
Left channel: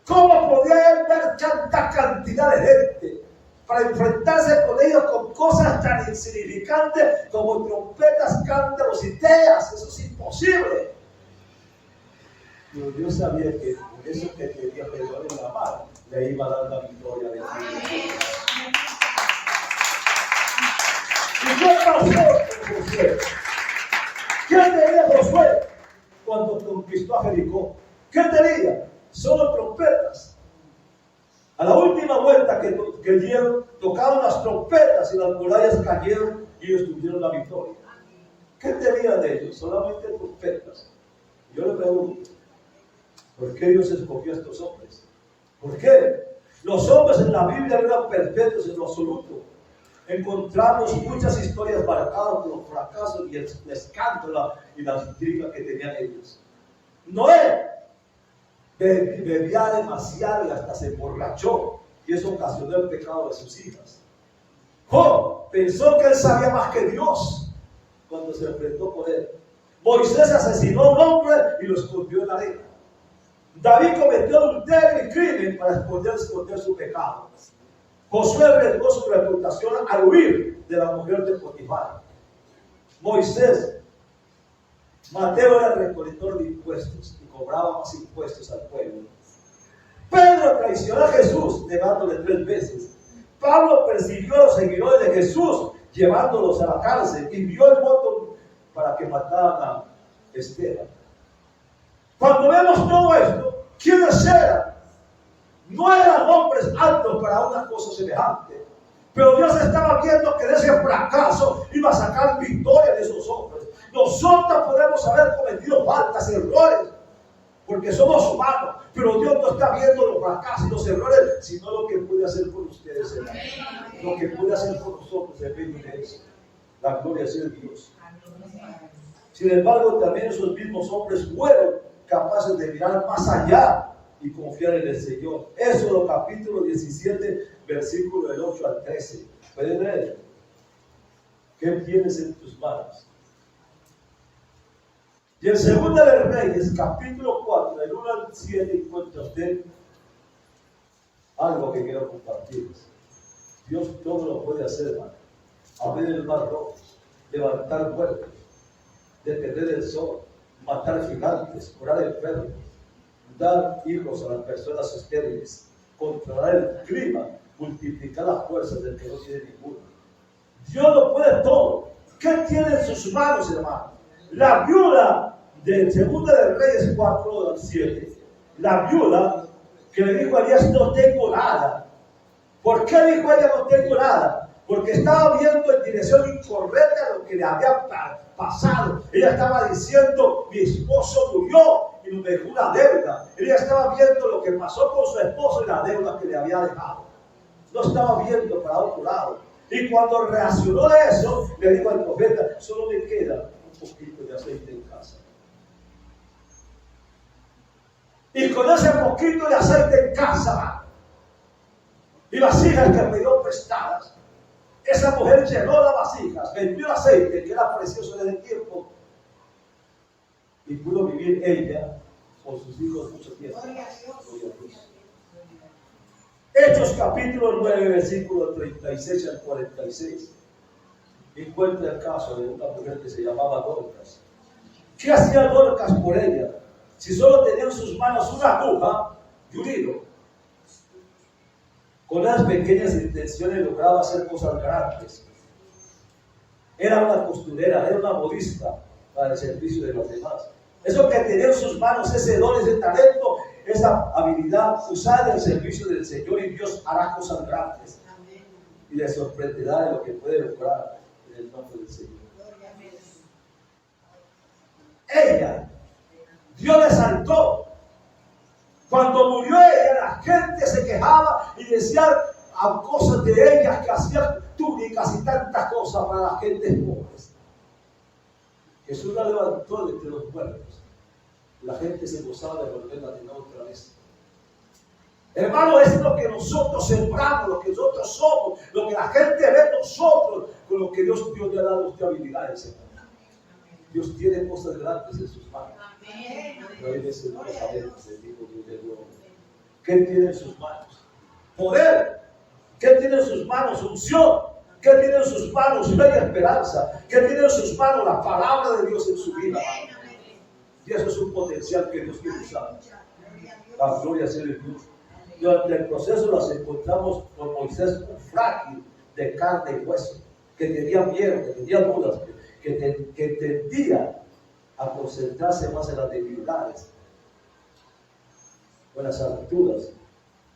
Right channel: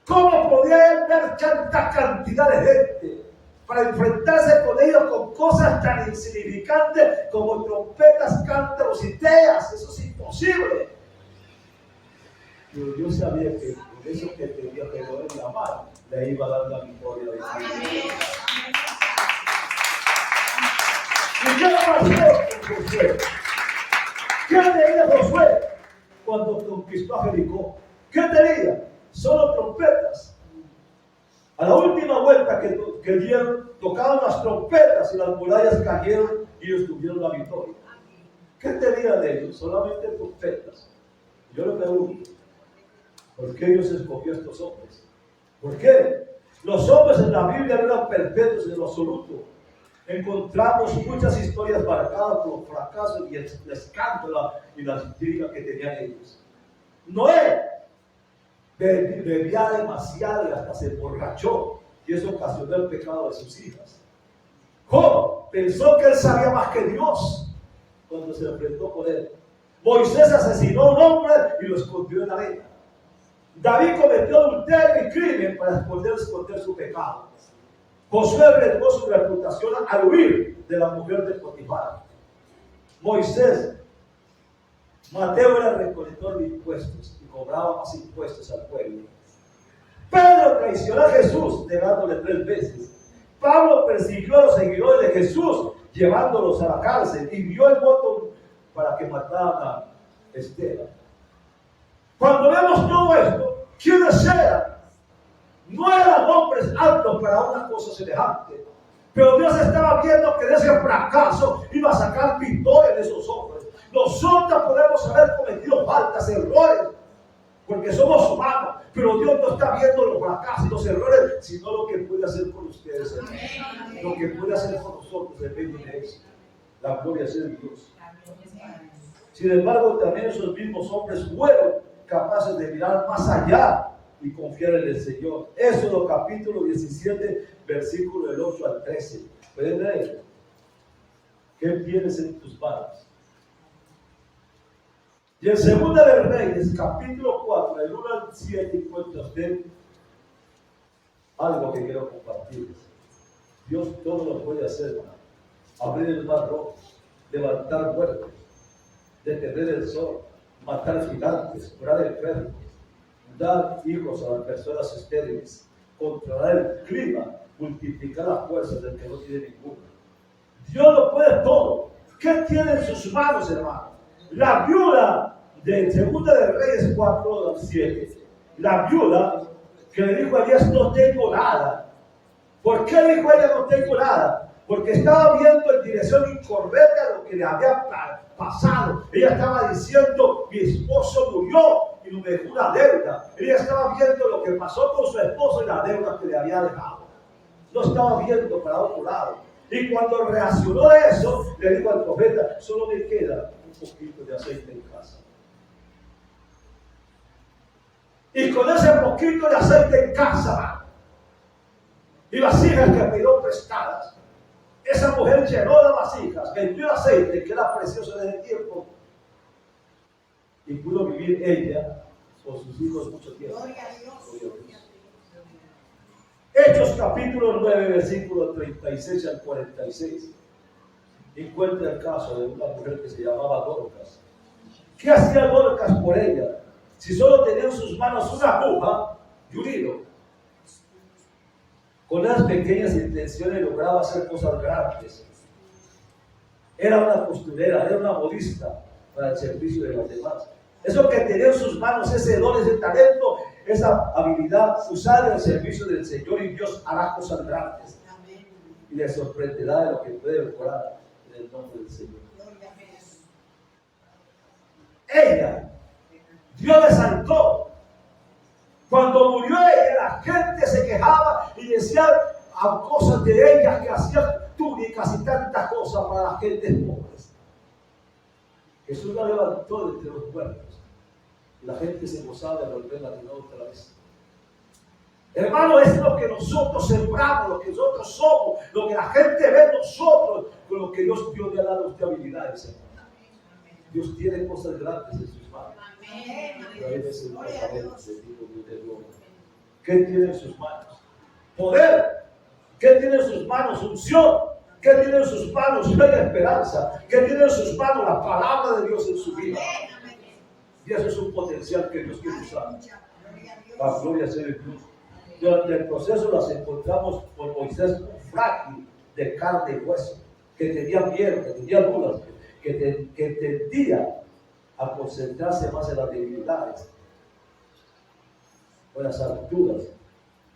¿Cómo podía él ver tanta cantidad de gente para enfrentarse con ellos con cosas tan insignificantes como trompetas, cántaros y teas? Eso es imposible. Pero Dios sabía que por eso que tenía Gedeón en la mano le iba a dar la victoria de Dios. ¿Y qué pasó con Josué? ¿Qué tenía Josué cuando conquistó a Jericó? ¿Qué tenía? Solo trompetas. tocaron las trompetas y las murallas cayeron y ellos tuvieron la victoria. ¿Qué tenían de ellos? Solamente trompetas. Yo le pregunto, ¿por qué Dios escogió a estos hombres? ¿Por qué? Los hombres en la Biblia no eran perfectos en lo absoluto. Encontramos muchas historias marcadas por los fracasos y el escándalo y las intrigas que tenían ellos. Noé bebía demasiado y hasta se emborrachó, y eso ocasionó el pecado de sus hijas. Job pensó que él sabía más que Dios cuando se enfrentó con él. Moisés asesinó a un hombre y lo escondió en la arena. David cometió adulterio y crimen para esconder su pecado. Josué arriesgó su reputación al huir de la mujer de Potifar. Moisés, Mateo era recolector de impuestos y cobraba más impuestos al pueblo. Pedro traicionó a Jesús negándole 3 veces. Pablo persiguió a los seguidores de Jesús llevándolos a la cárcel y dio el voto para que mataran a Esteban. Cuando vemos todo esto, ¿quiénes eran? No eran hombres altos para una cosa semejante, pero Dios estaba viendo que de ese fracaso iba a sacar victoria de esos hombres. Nosotros podemos haber cometido faltas, errores, porque somos humanos, pero Dios no está viendo los fracasos y los errores, sino lo que puede hacer con ustedes, hermanos. Lo que puede hacer con nosotros depende de eso. La gloria sea de Dios. Sin embargo, también esos mismos hombres fueron capaces de mirar más allá y confiar en el Señor. Éxodo capítulo 17, versículo del 8 al 13. ¿Pueden leer? ¿Qué tienes en tus manos? Y en Segunda de Reyes, capítulo 4, del 1 al 7, encuentra usted algo que quiero compartirles. Dios todo lo puede hacer, hermano. Abrir el mar rojo, levantar muertos, detener el sol, matar gigantes, curar enfermos, dar hijos a las personas estériles, controlar el clima, multiplicar las fuerzas del que no tiene ninguno. Dios lo puede todo. ¿Qué tiene en sus manos, hermano? La viuda de Segunda de Reyes 4 al 7, la viuda que le dijo a Elías, no tengo nada. ¿Por qué dijo ella no tengo nada? Porque estaba viendo en dirección incorrecta lo que le había pasado. Ella estaba diciendo, mi esposo murió y no me dejó una deuda. Ella estaba viendo lo que pasó con su esposo y la deuda que le había dejado. No estaba viendo para otro lado. Y cuando reaccionó de eso, le dijo al profeta, solo me queda un poquito de aceite en casa. Y con ese poquito de aceite en casa y vasijas que pidió prestadas, esa mujer llenó las vasijas, vendió aceite que era precioso en el tiempo y pudo vivir ella con sus hijos mucho tiempo. Gloria a Dios. Hechos capítulo 9, versículo 36 al 46. Encuentra el caso de una mujer que se llamaba Dorcas. ¿Qué hacía Dorcas por ella? Si solo tenía en sus manos una aguja y un hilo. Con unas pequeñas intenciones lograba hacer cosas grandes. Era una costurera, era una modista para el servicio de los demás. Eso que tenía en sus manos, ese don, ese talento, esa habilidad, usada en el servicio del Señor, y Dios hará cosas grandes. Y le sorprenderá de lo que puede lograr en el nombre del Señor. Ella, Dios le saltó. Cuando murió ella, la gente se quejaba y decía a cosas de ella que hacían túnicas y tantas cosas para la gente pobres. Jesús la levantó de entre los muertos. La gente se gozaba de volverla de nuevo otra vez. Hermano, es lo que nosotros sembramos, lo que nosotros somos, lo que la gente ve en nosotros, con lo que Dios le ha dado a usted habilidades, hermano. Dios tiene cosas grandes en sus manos. Pero hay veces no lo sabemos, le digo Dios de gloria. ¿Qué tiene en sus manos? Poder. ¿Qué tiene en sus manos? Unción. ¿Qué tiene en sus manos? Fe y esperanza. ¿Qué tiene en sus manos? La palabra de Dios en su vida. Y eso es un potencial que Dios quiere usar. La gloria sea de Dios. Durante el proceso las encontramos con Moisés, un frágil de carne y hueso, que tenía miedo, que tenía dudas, que tendía a concentrarse más en las debilidades o en las alturas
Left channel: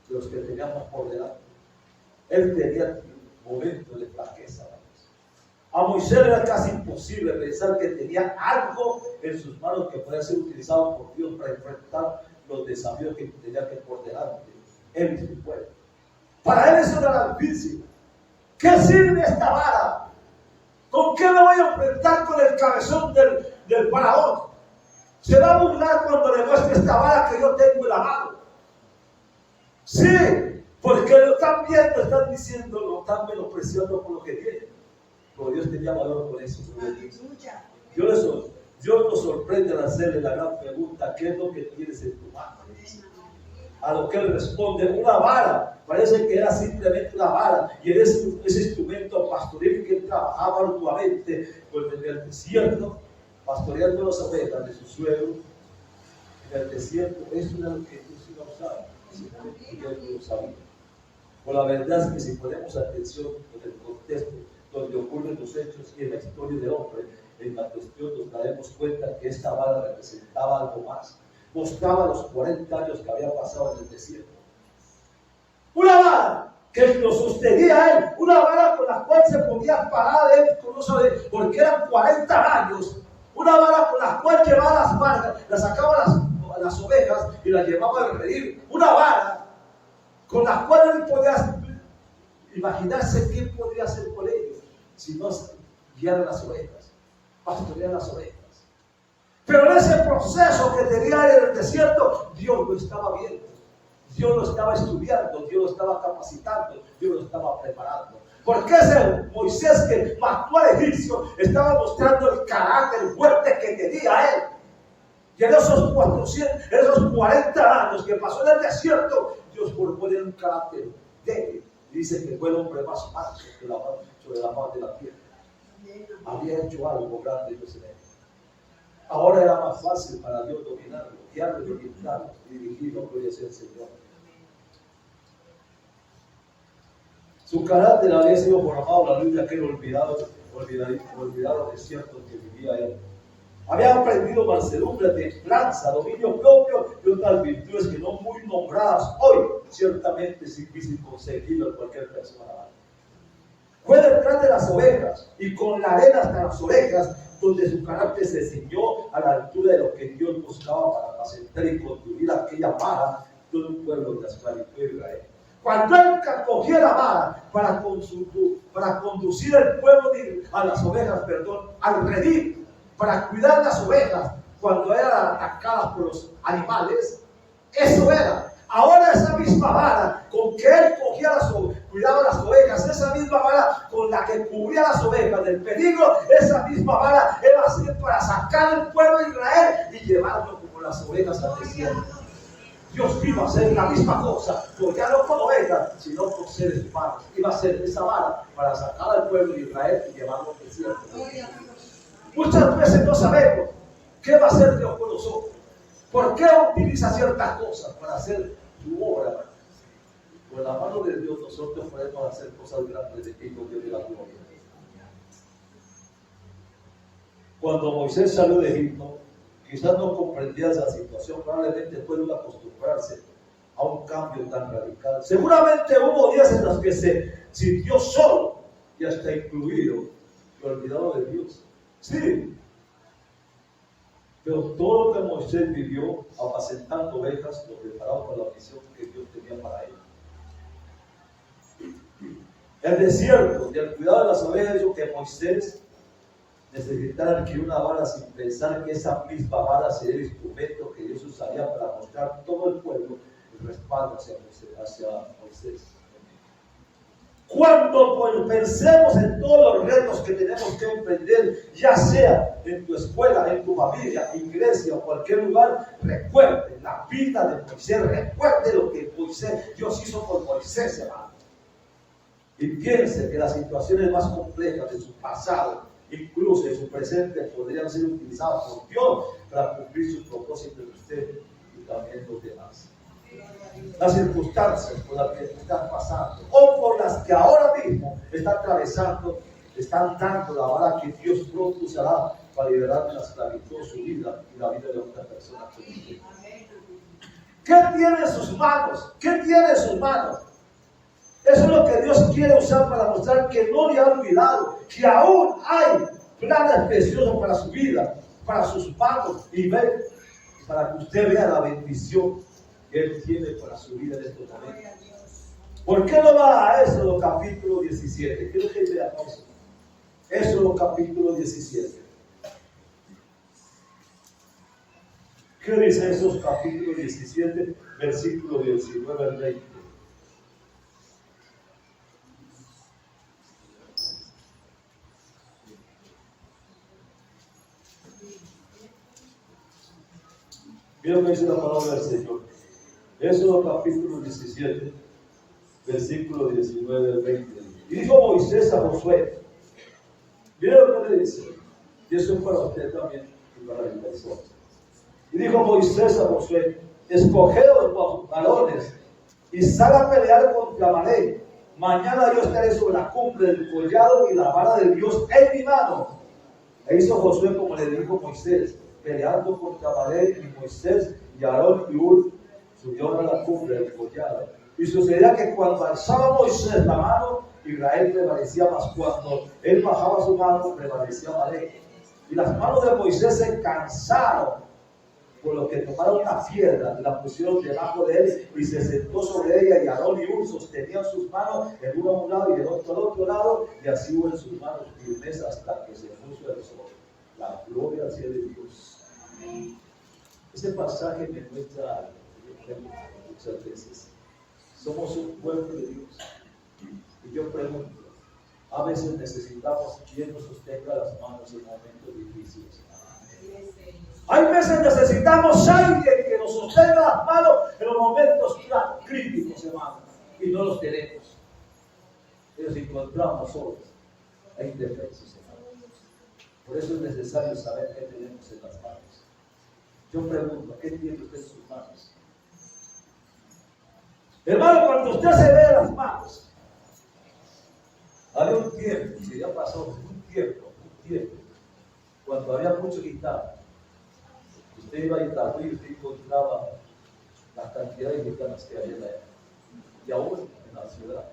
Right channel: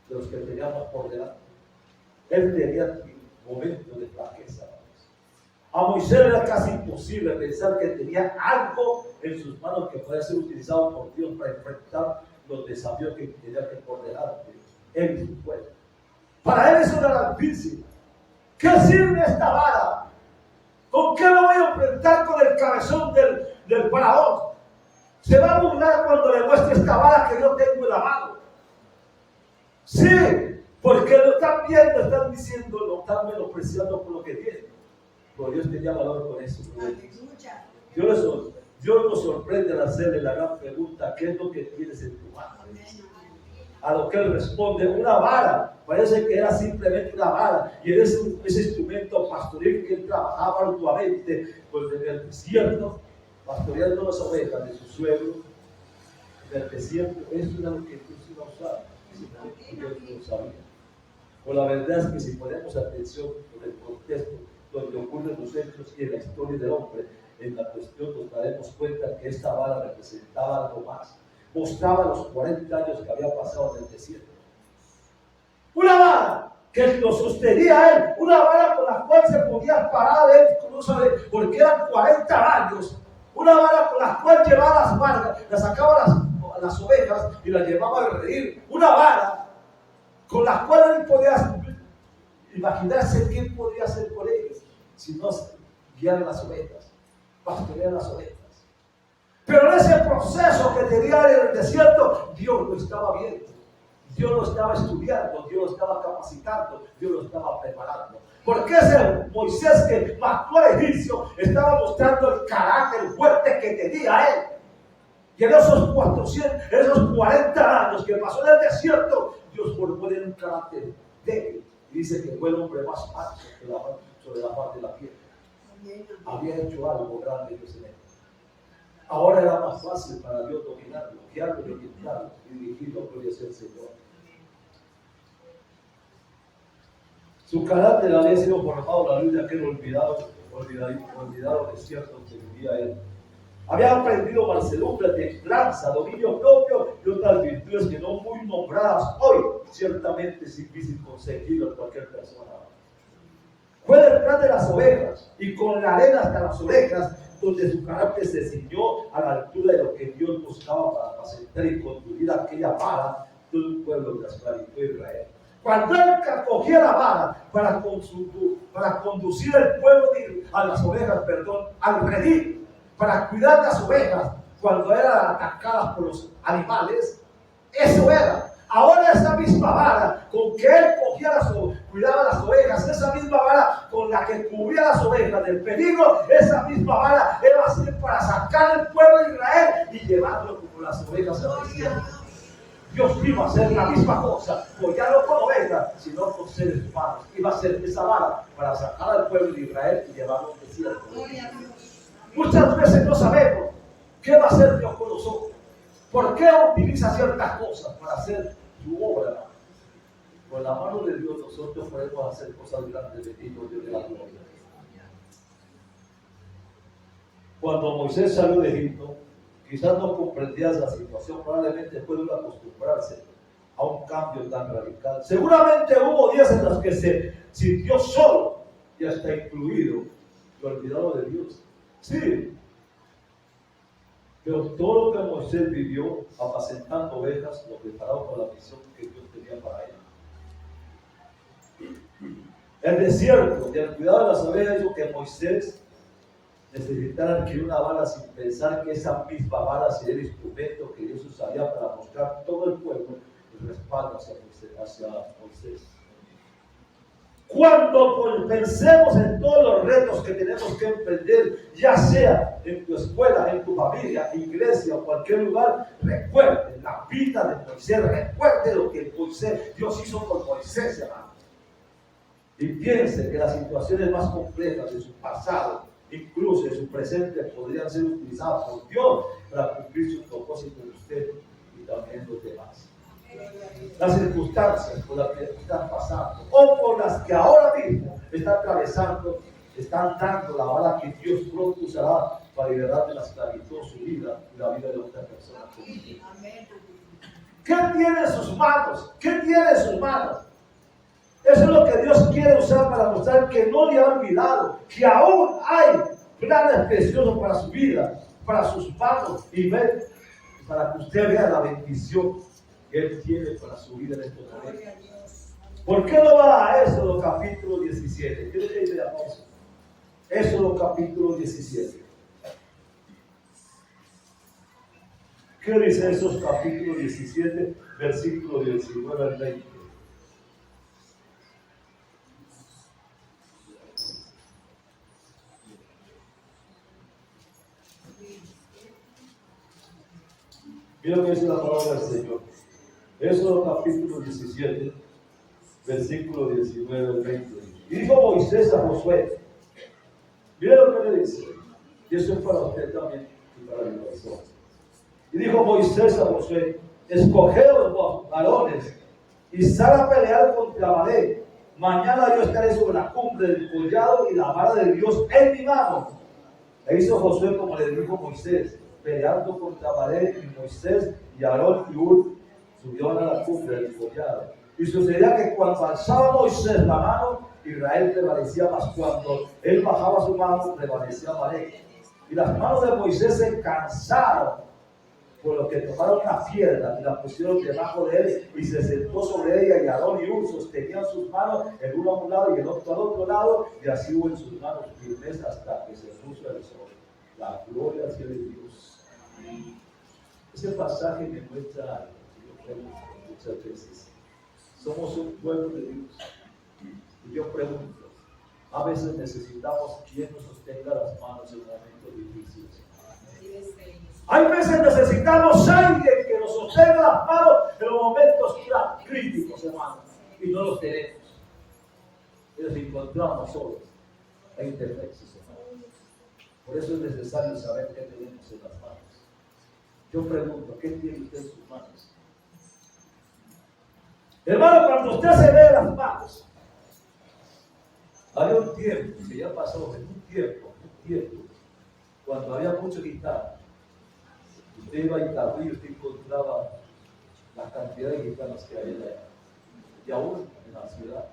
de los que teníamos por delante. Él tenía momentos de flaqueza. A Moisés era casi imposible pensar que tenía algo en sus manos que podía ser utilizado por Dios para enfrentar los desafíos que tenía que por delante él y su pueblo. Para él eso era difícil. ¿Qué sirve esta vara? ¿Con qué lo voy a enfrentar con el cabezón del faraón? Se va a burlar cuando le muestre esta vara que yo tengo en la mano. Sí, porque lo están viendo, están diciendo, lo están menospreciando por lo que tiene. Pero Dios tenía valor con eso. Dios nos sorprende al hacerle la gran pregunta: ¿qué es lo que tienes en tu mano? A lo que él responde: una vara. Parece que era simplemente una vara, y era ese instrumento pastoril que él trabajaba arduamente pues, en el desierto, pastoreando las ovejas de su suegro en el desierto. Eso era lo que Dios iba a usar, y Dios no lo sabía. Pues la verdad es que si ponemos atención en el contexto donde ocurren los hechos y en la historia del hombre, en la cuestión nos daremos cuenta que esta vara representaba algo más. Mostraba los 40 años que había pasado en el desierto. Una vara que lo sostenía a él, una vara con la cual se podía parar él, porque eran 40 años. Una vara con la cual llevaba las vacas, las sacaba las ovejas y las llevaba al redil. Una vara con la cual él podía imaginarse qué podría hacer por ellos si no guiar las ovejas, pastorear las ovejas. Pero en ese proceso que tenía en el desierto, Dios lo estaba viendo, Dios lo estaba estudiando, Dios lo estaba capacitando, Dios lo estaba preparando. Porque ese Moisés que mató al egipcio estaba mostrando el carácter fuerte que tenía él. Y en esos 40 años que pasó en el desierto, Dios formó en él un carácter débil. Dice que fue el hombre más manso sobre la faz de la tierra. Había hecho algo grande Dios en él. Ahora era más fácil para Dios dominarlo, guiarlo y orientarlo y dirigirlo, gloria sea el Señor. Su carácter había sido formado a la luz de aquel olvidado desierto que vivía él. Había aprendido mansedumbre, templanza, dominio propio y otras virtudes que no muy nombradas hoy, ciertamente es difícil conseguirlo en cualquier persona. Fue detrás de las ovejas y con la arena hasta las orejas, donde su carácter se ciñó a la altura de lo que Dios buscaba para apacentar y conducir aquella vara de un pueblo de la esclavitud de Israel. Cuando él cogía la vara para conducir el pueblo a las ovejas, al redil, para cuidar las ovejas cuando eran atacadas por los animales, eso era. Ahora esa misma vara con que él cuidaba las ovejas, esa misma vara con la que cubría las ovejas del peligro, esa misma vara era así para sacar el pueblo de Israel y llevarlo como las ovejas al desierto. Dios iba a hacer la misma cosa, pues ya no con ovejas, sino con seres humanos. Iba a hacer esa vara para sacar al pueblo de Israel y llevarlo al desierto. Muchas veces no sabemos qué va a hacer Dios con nosotros. ¿Por qué utiliza ciertas cosas para hacer su obra? Con la mano de Dios nosotros podemos hacer cosas grandes de ti, Dios de la gloria. Cuando Moisés salió de Egipto, quizás no comprendía esa situación, probablemente pudo acostumbrarse a un cambio tan radical. Seguramente hubo días en los que se sintió solo y hasta incluido y olvidado de Dios. Sí, pero todo lo que Moisés vivió apacentando ovejas lo preparaba para la misión que Dios tenía para él. El desierto y el cuidado de las ovejas hizo que Moisés necesitara adquirir una vara sin pensar que esa misma vara sería el instrumento que Dios usaría para mostrar todo el pueblo el respaldo hacia Moisés. Cuando pensemos en todos los retos que tenemos que emprender, ya sea en tu escuela, en tu familia, iglesia o cualquier lugar, recuerde la vida de Moisés, recuerde lo que Dios hizo con Moisés, hermano. Y piense que las situaciones más complejas de su pasado, incluso en su presente, podrían ser utilizadas por Dios para cumplir sus propósitos de usted y también los demás. Las circunstancias por las que están pasando o por las que ahora mismo están atravesando, están dando la vara que Dios pronto usará para liberar de la esclavitud su vida y la vida de otra persona. ¿Qué tiene en sus manos? ¿Qué tiene en sus manos? Eso es lo que Dios quiere usar para mostrar que no le ha olvidado, que aún hay planes preciosos para su vida, para sus manos y para que usted vea la bendición que Él tiene para su vida en estos momentos. ¿Por qué no va a Éxodo capítulo 17? Quiero que veamos eso. Éxodo capítulo 17. ¿Qué dice esos capítulo 17, versículo 19 al 20? Mira lo que dice la palabra del Señor. Éxodo capítulo 17, versículo 19 al 20. Y dijo Moisés a Josué, mira lo que le dice, y eso es para usted también y para mi persona. Y dijo Moisés a Josué, escogeos los varones y sal a pelear contra Amalek. Mañana yo estaré sobre la cumbre del collado y la vara de Dios en mi mano. E hizo Josué como le dijo Moisés, peleando contra Amalek, y Moisés y Aarón y Hur subieron a la cumbre del collado. Y sucedía que cuando alzaba Moisés la mano, Israel prevalecía, mas cuando él bajaba su mano, prevalecía Amalek. Y las manos de Moisés se cansaron, por lo que tomaron una piedra y la pusieron debajo de él y se sentó sobre ella, y Aarón y Hur sostenían sus manos, el uno a un lado y el otro al otro lado, y así hubo en sus manos firmeza hasta que se puso el sol. La gloria hacia de Dios. Ese pasaje me muestra algo que yo pregunto muchas veces. Somos un pueblo de Dios. Y yo pregunto, a veces necesitamos quien nos sostenga las manos en momentos difíciles. Hay veces necesitamos alguien que nos sostenga las manos en los momentos críticos, hermano. Y no los tenemos. Y nos encontramos solos e indefensos, hermano. Por eso es necesario saber qué tenemos en las manos. Yo pregunto, ¿qué tiene usted en sus manos? Hermano, cuando usted se ve las manos, había un tiempo, que ya pasó, un tiempo, cuando había mucho guitarra. Usted iba a Itagüí y usted encontraba la cantidad de gitanas que había allá, y aún en la ciudad.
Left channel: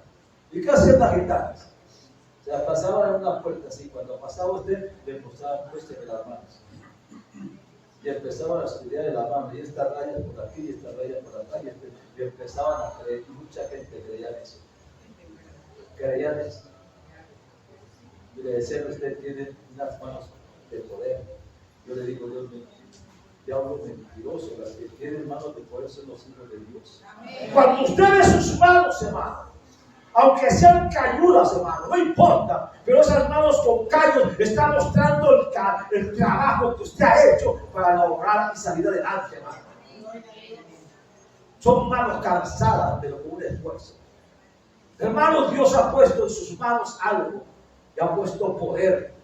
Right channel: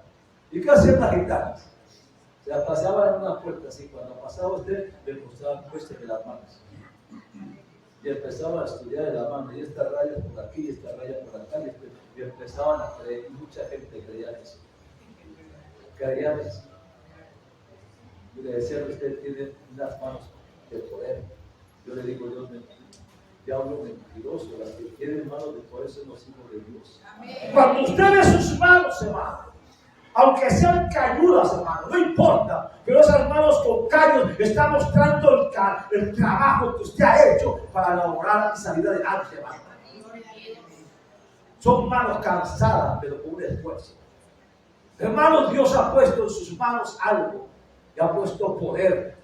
¿Y qué hacían las gitanas? O sea, pasaban en una puerta así, cuando pasaba usted, le mostraban puestas en las manos. Y empezaban a estudiar de la mano, y esta raya por aquí, y esta raya por acá, y empezaban a creer, y mucha gente creía en eso. Creían eso. Y le decían, usted tiene unas manos de poder. Yo le digo, Dios mío, diablo mentiroso, las que tienen manos de poder son los hijos de Dios. Amén. Cuando usted ve sus manos, hermano, aunque sean cañudas, hermano, no importa, pero esas manos con caños están mostrando el trabajo que usted ha hecho para lograr y salir adelante, hermano. Son manos cansadas, pero con un esfuerzo. Hermano, Dios ha puesto en sus manos algo, y ha puesto poder.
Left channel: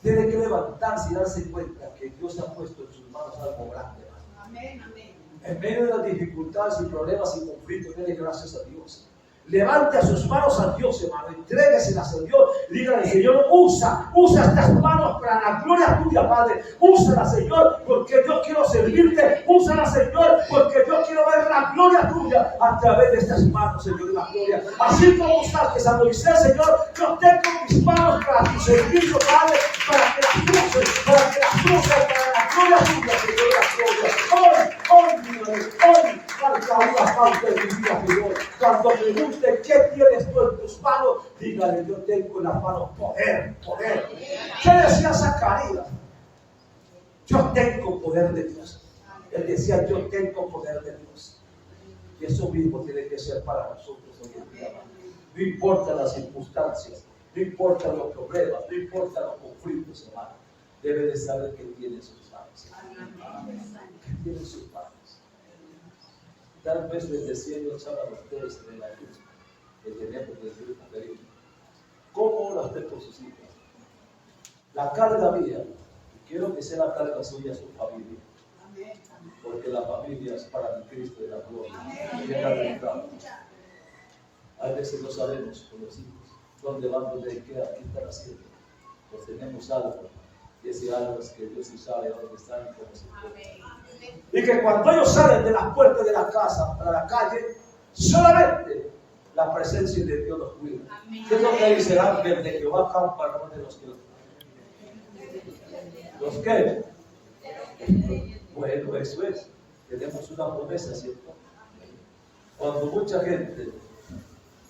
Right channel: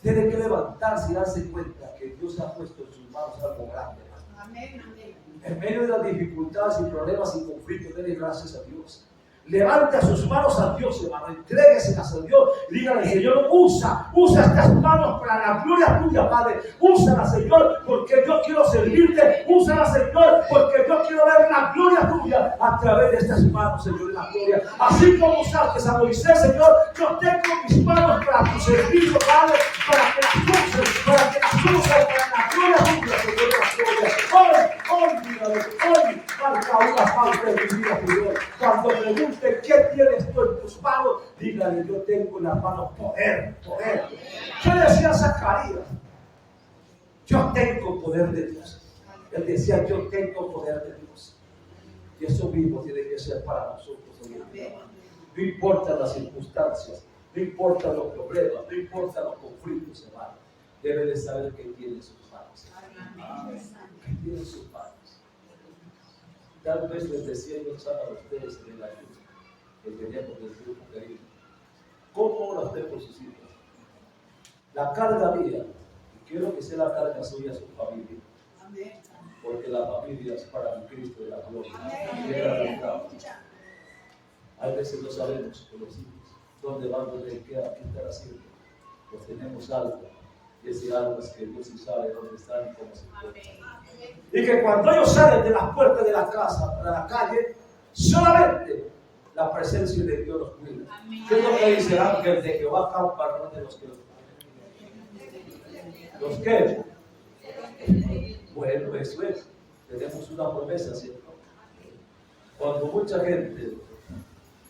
Tiene que levantarse y darse cuenta que Dios ha puesto en sus manos algo grande, hermano. Amén, amén. En medio de las dificultades y problemas y conflictos, denle gracias a Dios. Levante a sus manos a Dios, hermano. Entrégueselas a Dios. Dígale, Señor, usa estas manos para la gloria tuya, Padre. Úsala, Señor, porque yo quiero servirte. Úsala, Señor, porque yo quiero ver la gloria tuya a través de estas manos, Señor, de la gloria. Así como usaste a Moisés, Señor, yo tengo mis manos para tu servicio, Padre, para que las uses, para la gloria tuya, Señor, la gloria. Hoy, marca una parte de mi vida, Señor. Cuando pregunte qué tienes tú en tus manos, dígale, yo tengo en las manos poder. ¿Qué decía Zacarías? Yo tengo poder de Dios. Él decía, yo tengo poder de Dios. Y eso mismo tiene que ser para nosotros hoy en día. No importa las circunstancias, no importa los problemas, no importa los conflictos, hermano. Debe de saber qué tiene en sus manos. ¿Qué tiene en sus manos? Tal vez les decía yo a ustedes en la ayuda que tenemos desde el Perú. ¿Cómo ora usted por sus hijos? La carga mía, y quiero que sea la carga suya a su familia. Porque la familia es para el Cristo de la gloria. A veces no sabemos con los hijos dónde van, dónde qué están haciendo. Pues tenemos algo, y ese algo es que Dios sí sabe dónde están y cómo se encuentran. Y que cuando ellos salen de las puertas de la casa para la calle, Solamente la presencia de Dios los cuida. ¿Qué es lo que dice el ángel de Jehová campa alrededor de los que los qué? Bueno, eso es. Tenemos una promesa, ¿cierto? Cuando mucha gente,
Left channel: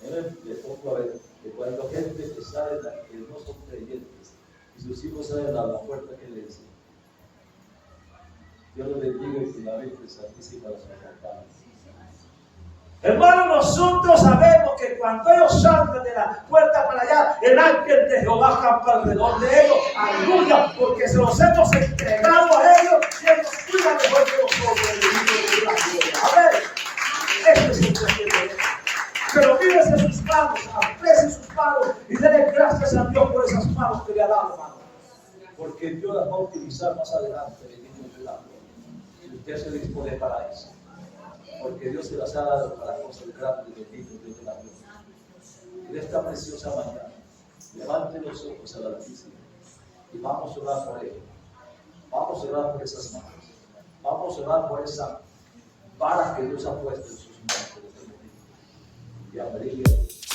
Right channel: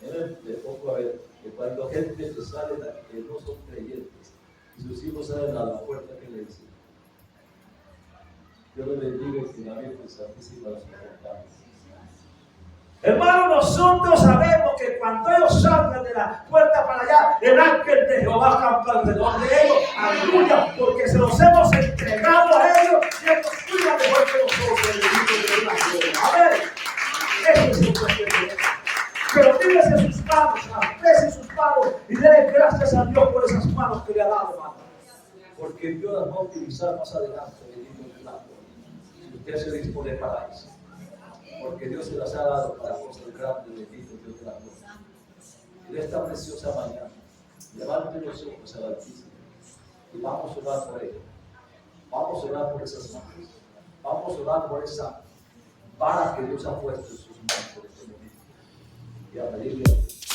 le pongo a ver, que cuando gente que sale, que no son creyentes, y sus hijos salen a la puerta, ¿qué le dicen? Dios los bendiga y que la Virgen Santísima los acompañe. Hermano, nosotros sabemos que cuando ellos salgan de la puerta para allá, el ángel de Jehová campa alrededor de ellos. Aleluya, porque se los hemos entregado a ellos y ellos cuidan mejor que nosotros. Amén. Este es el secreto. Pero mírese sus manos, aprecie sus manos y denle gracias a Dios por esas manos que le ha dado, hermano. Porque Dios las va a utilizar más adelante, bendito el milagro. Si usted se dispone para eso. Porque Dios se las ha dado para cosas grandes, bendito Dios de la gloria. En esta preciosa mañana, levante los ojos al Altísimo y vamos a orar por ello. Vamos a orar por esas manos. Vamos a orar por esa vara que Dios ha puesto en sus manos en este momento. Y a pedirle a Dios.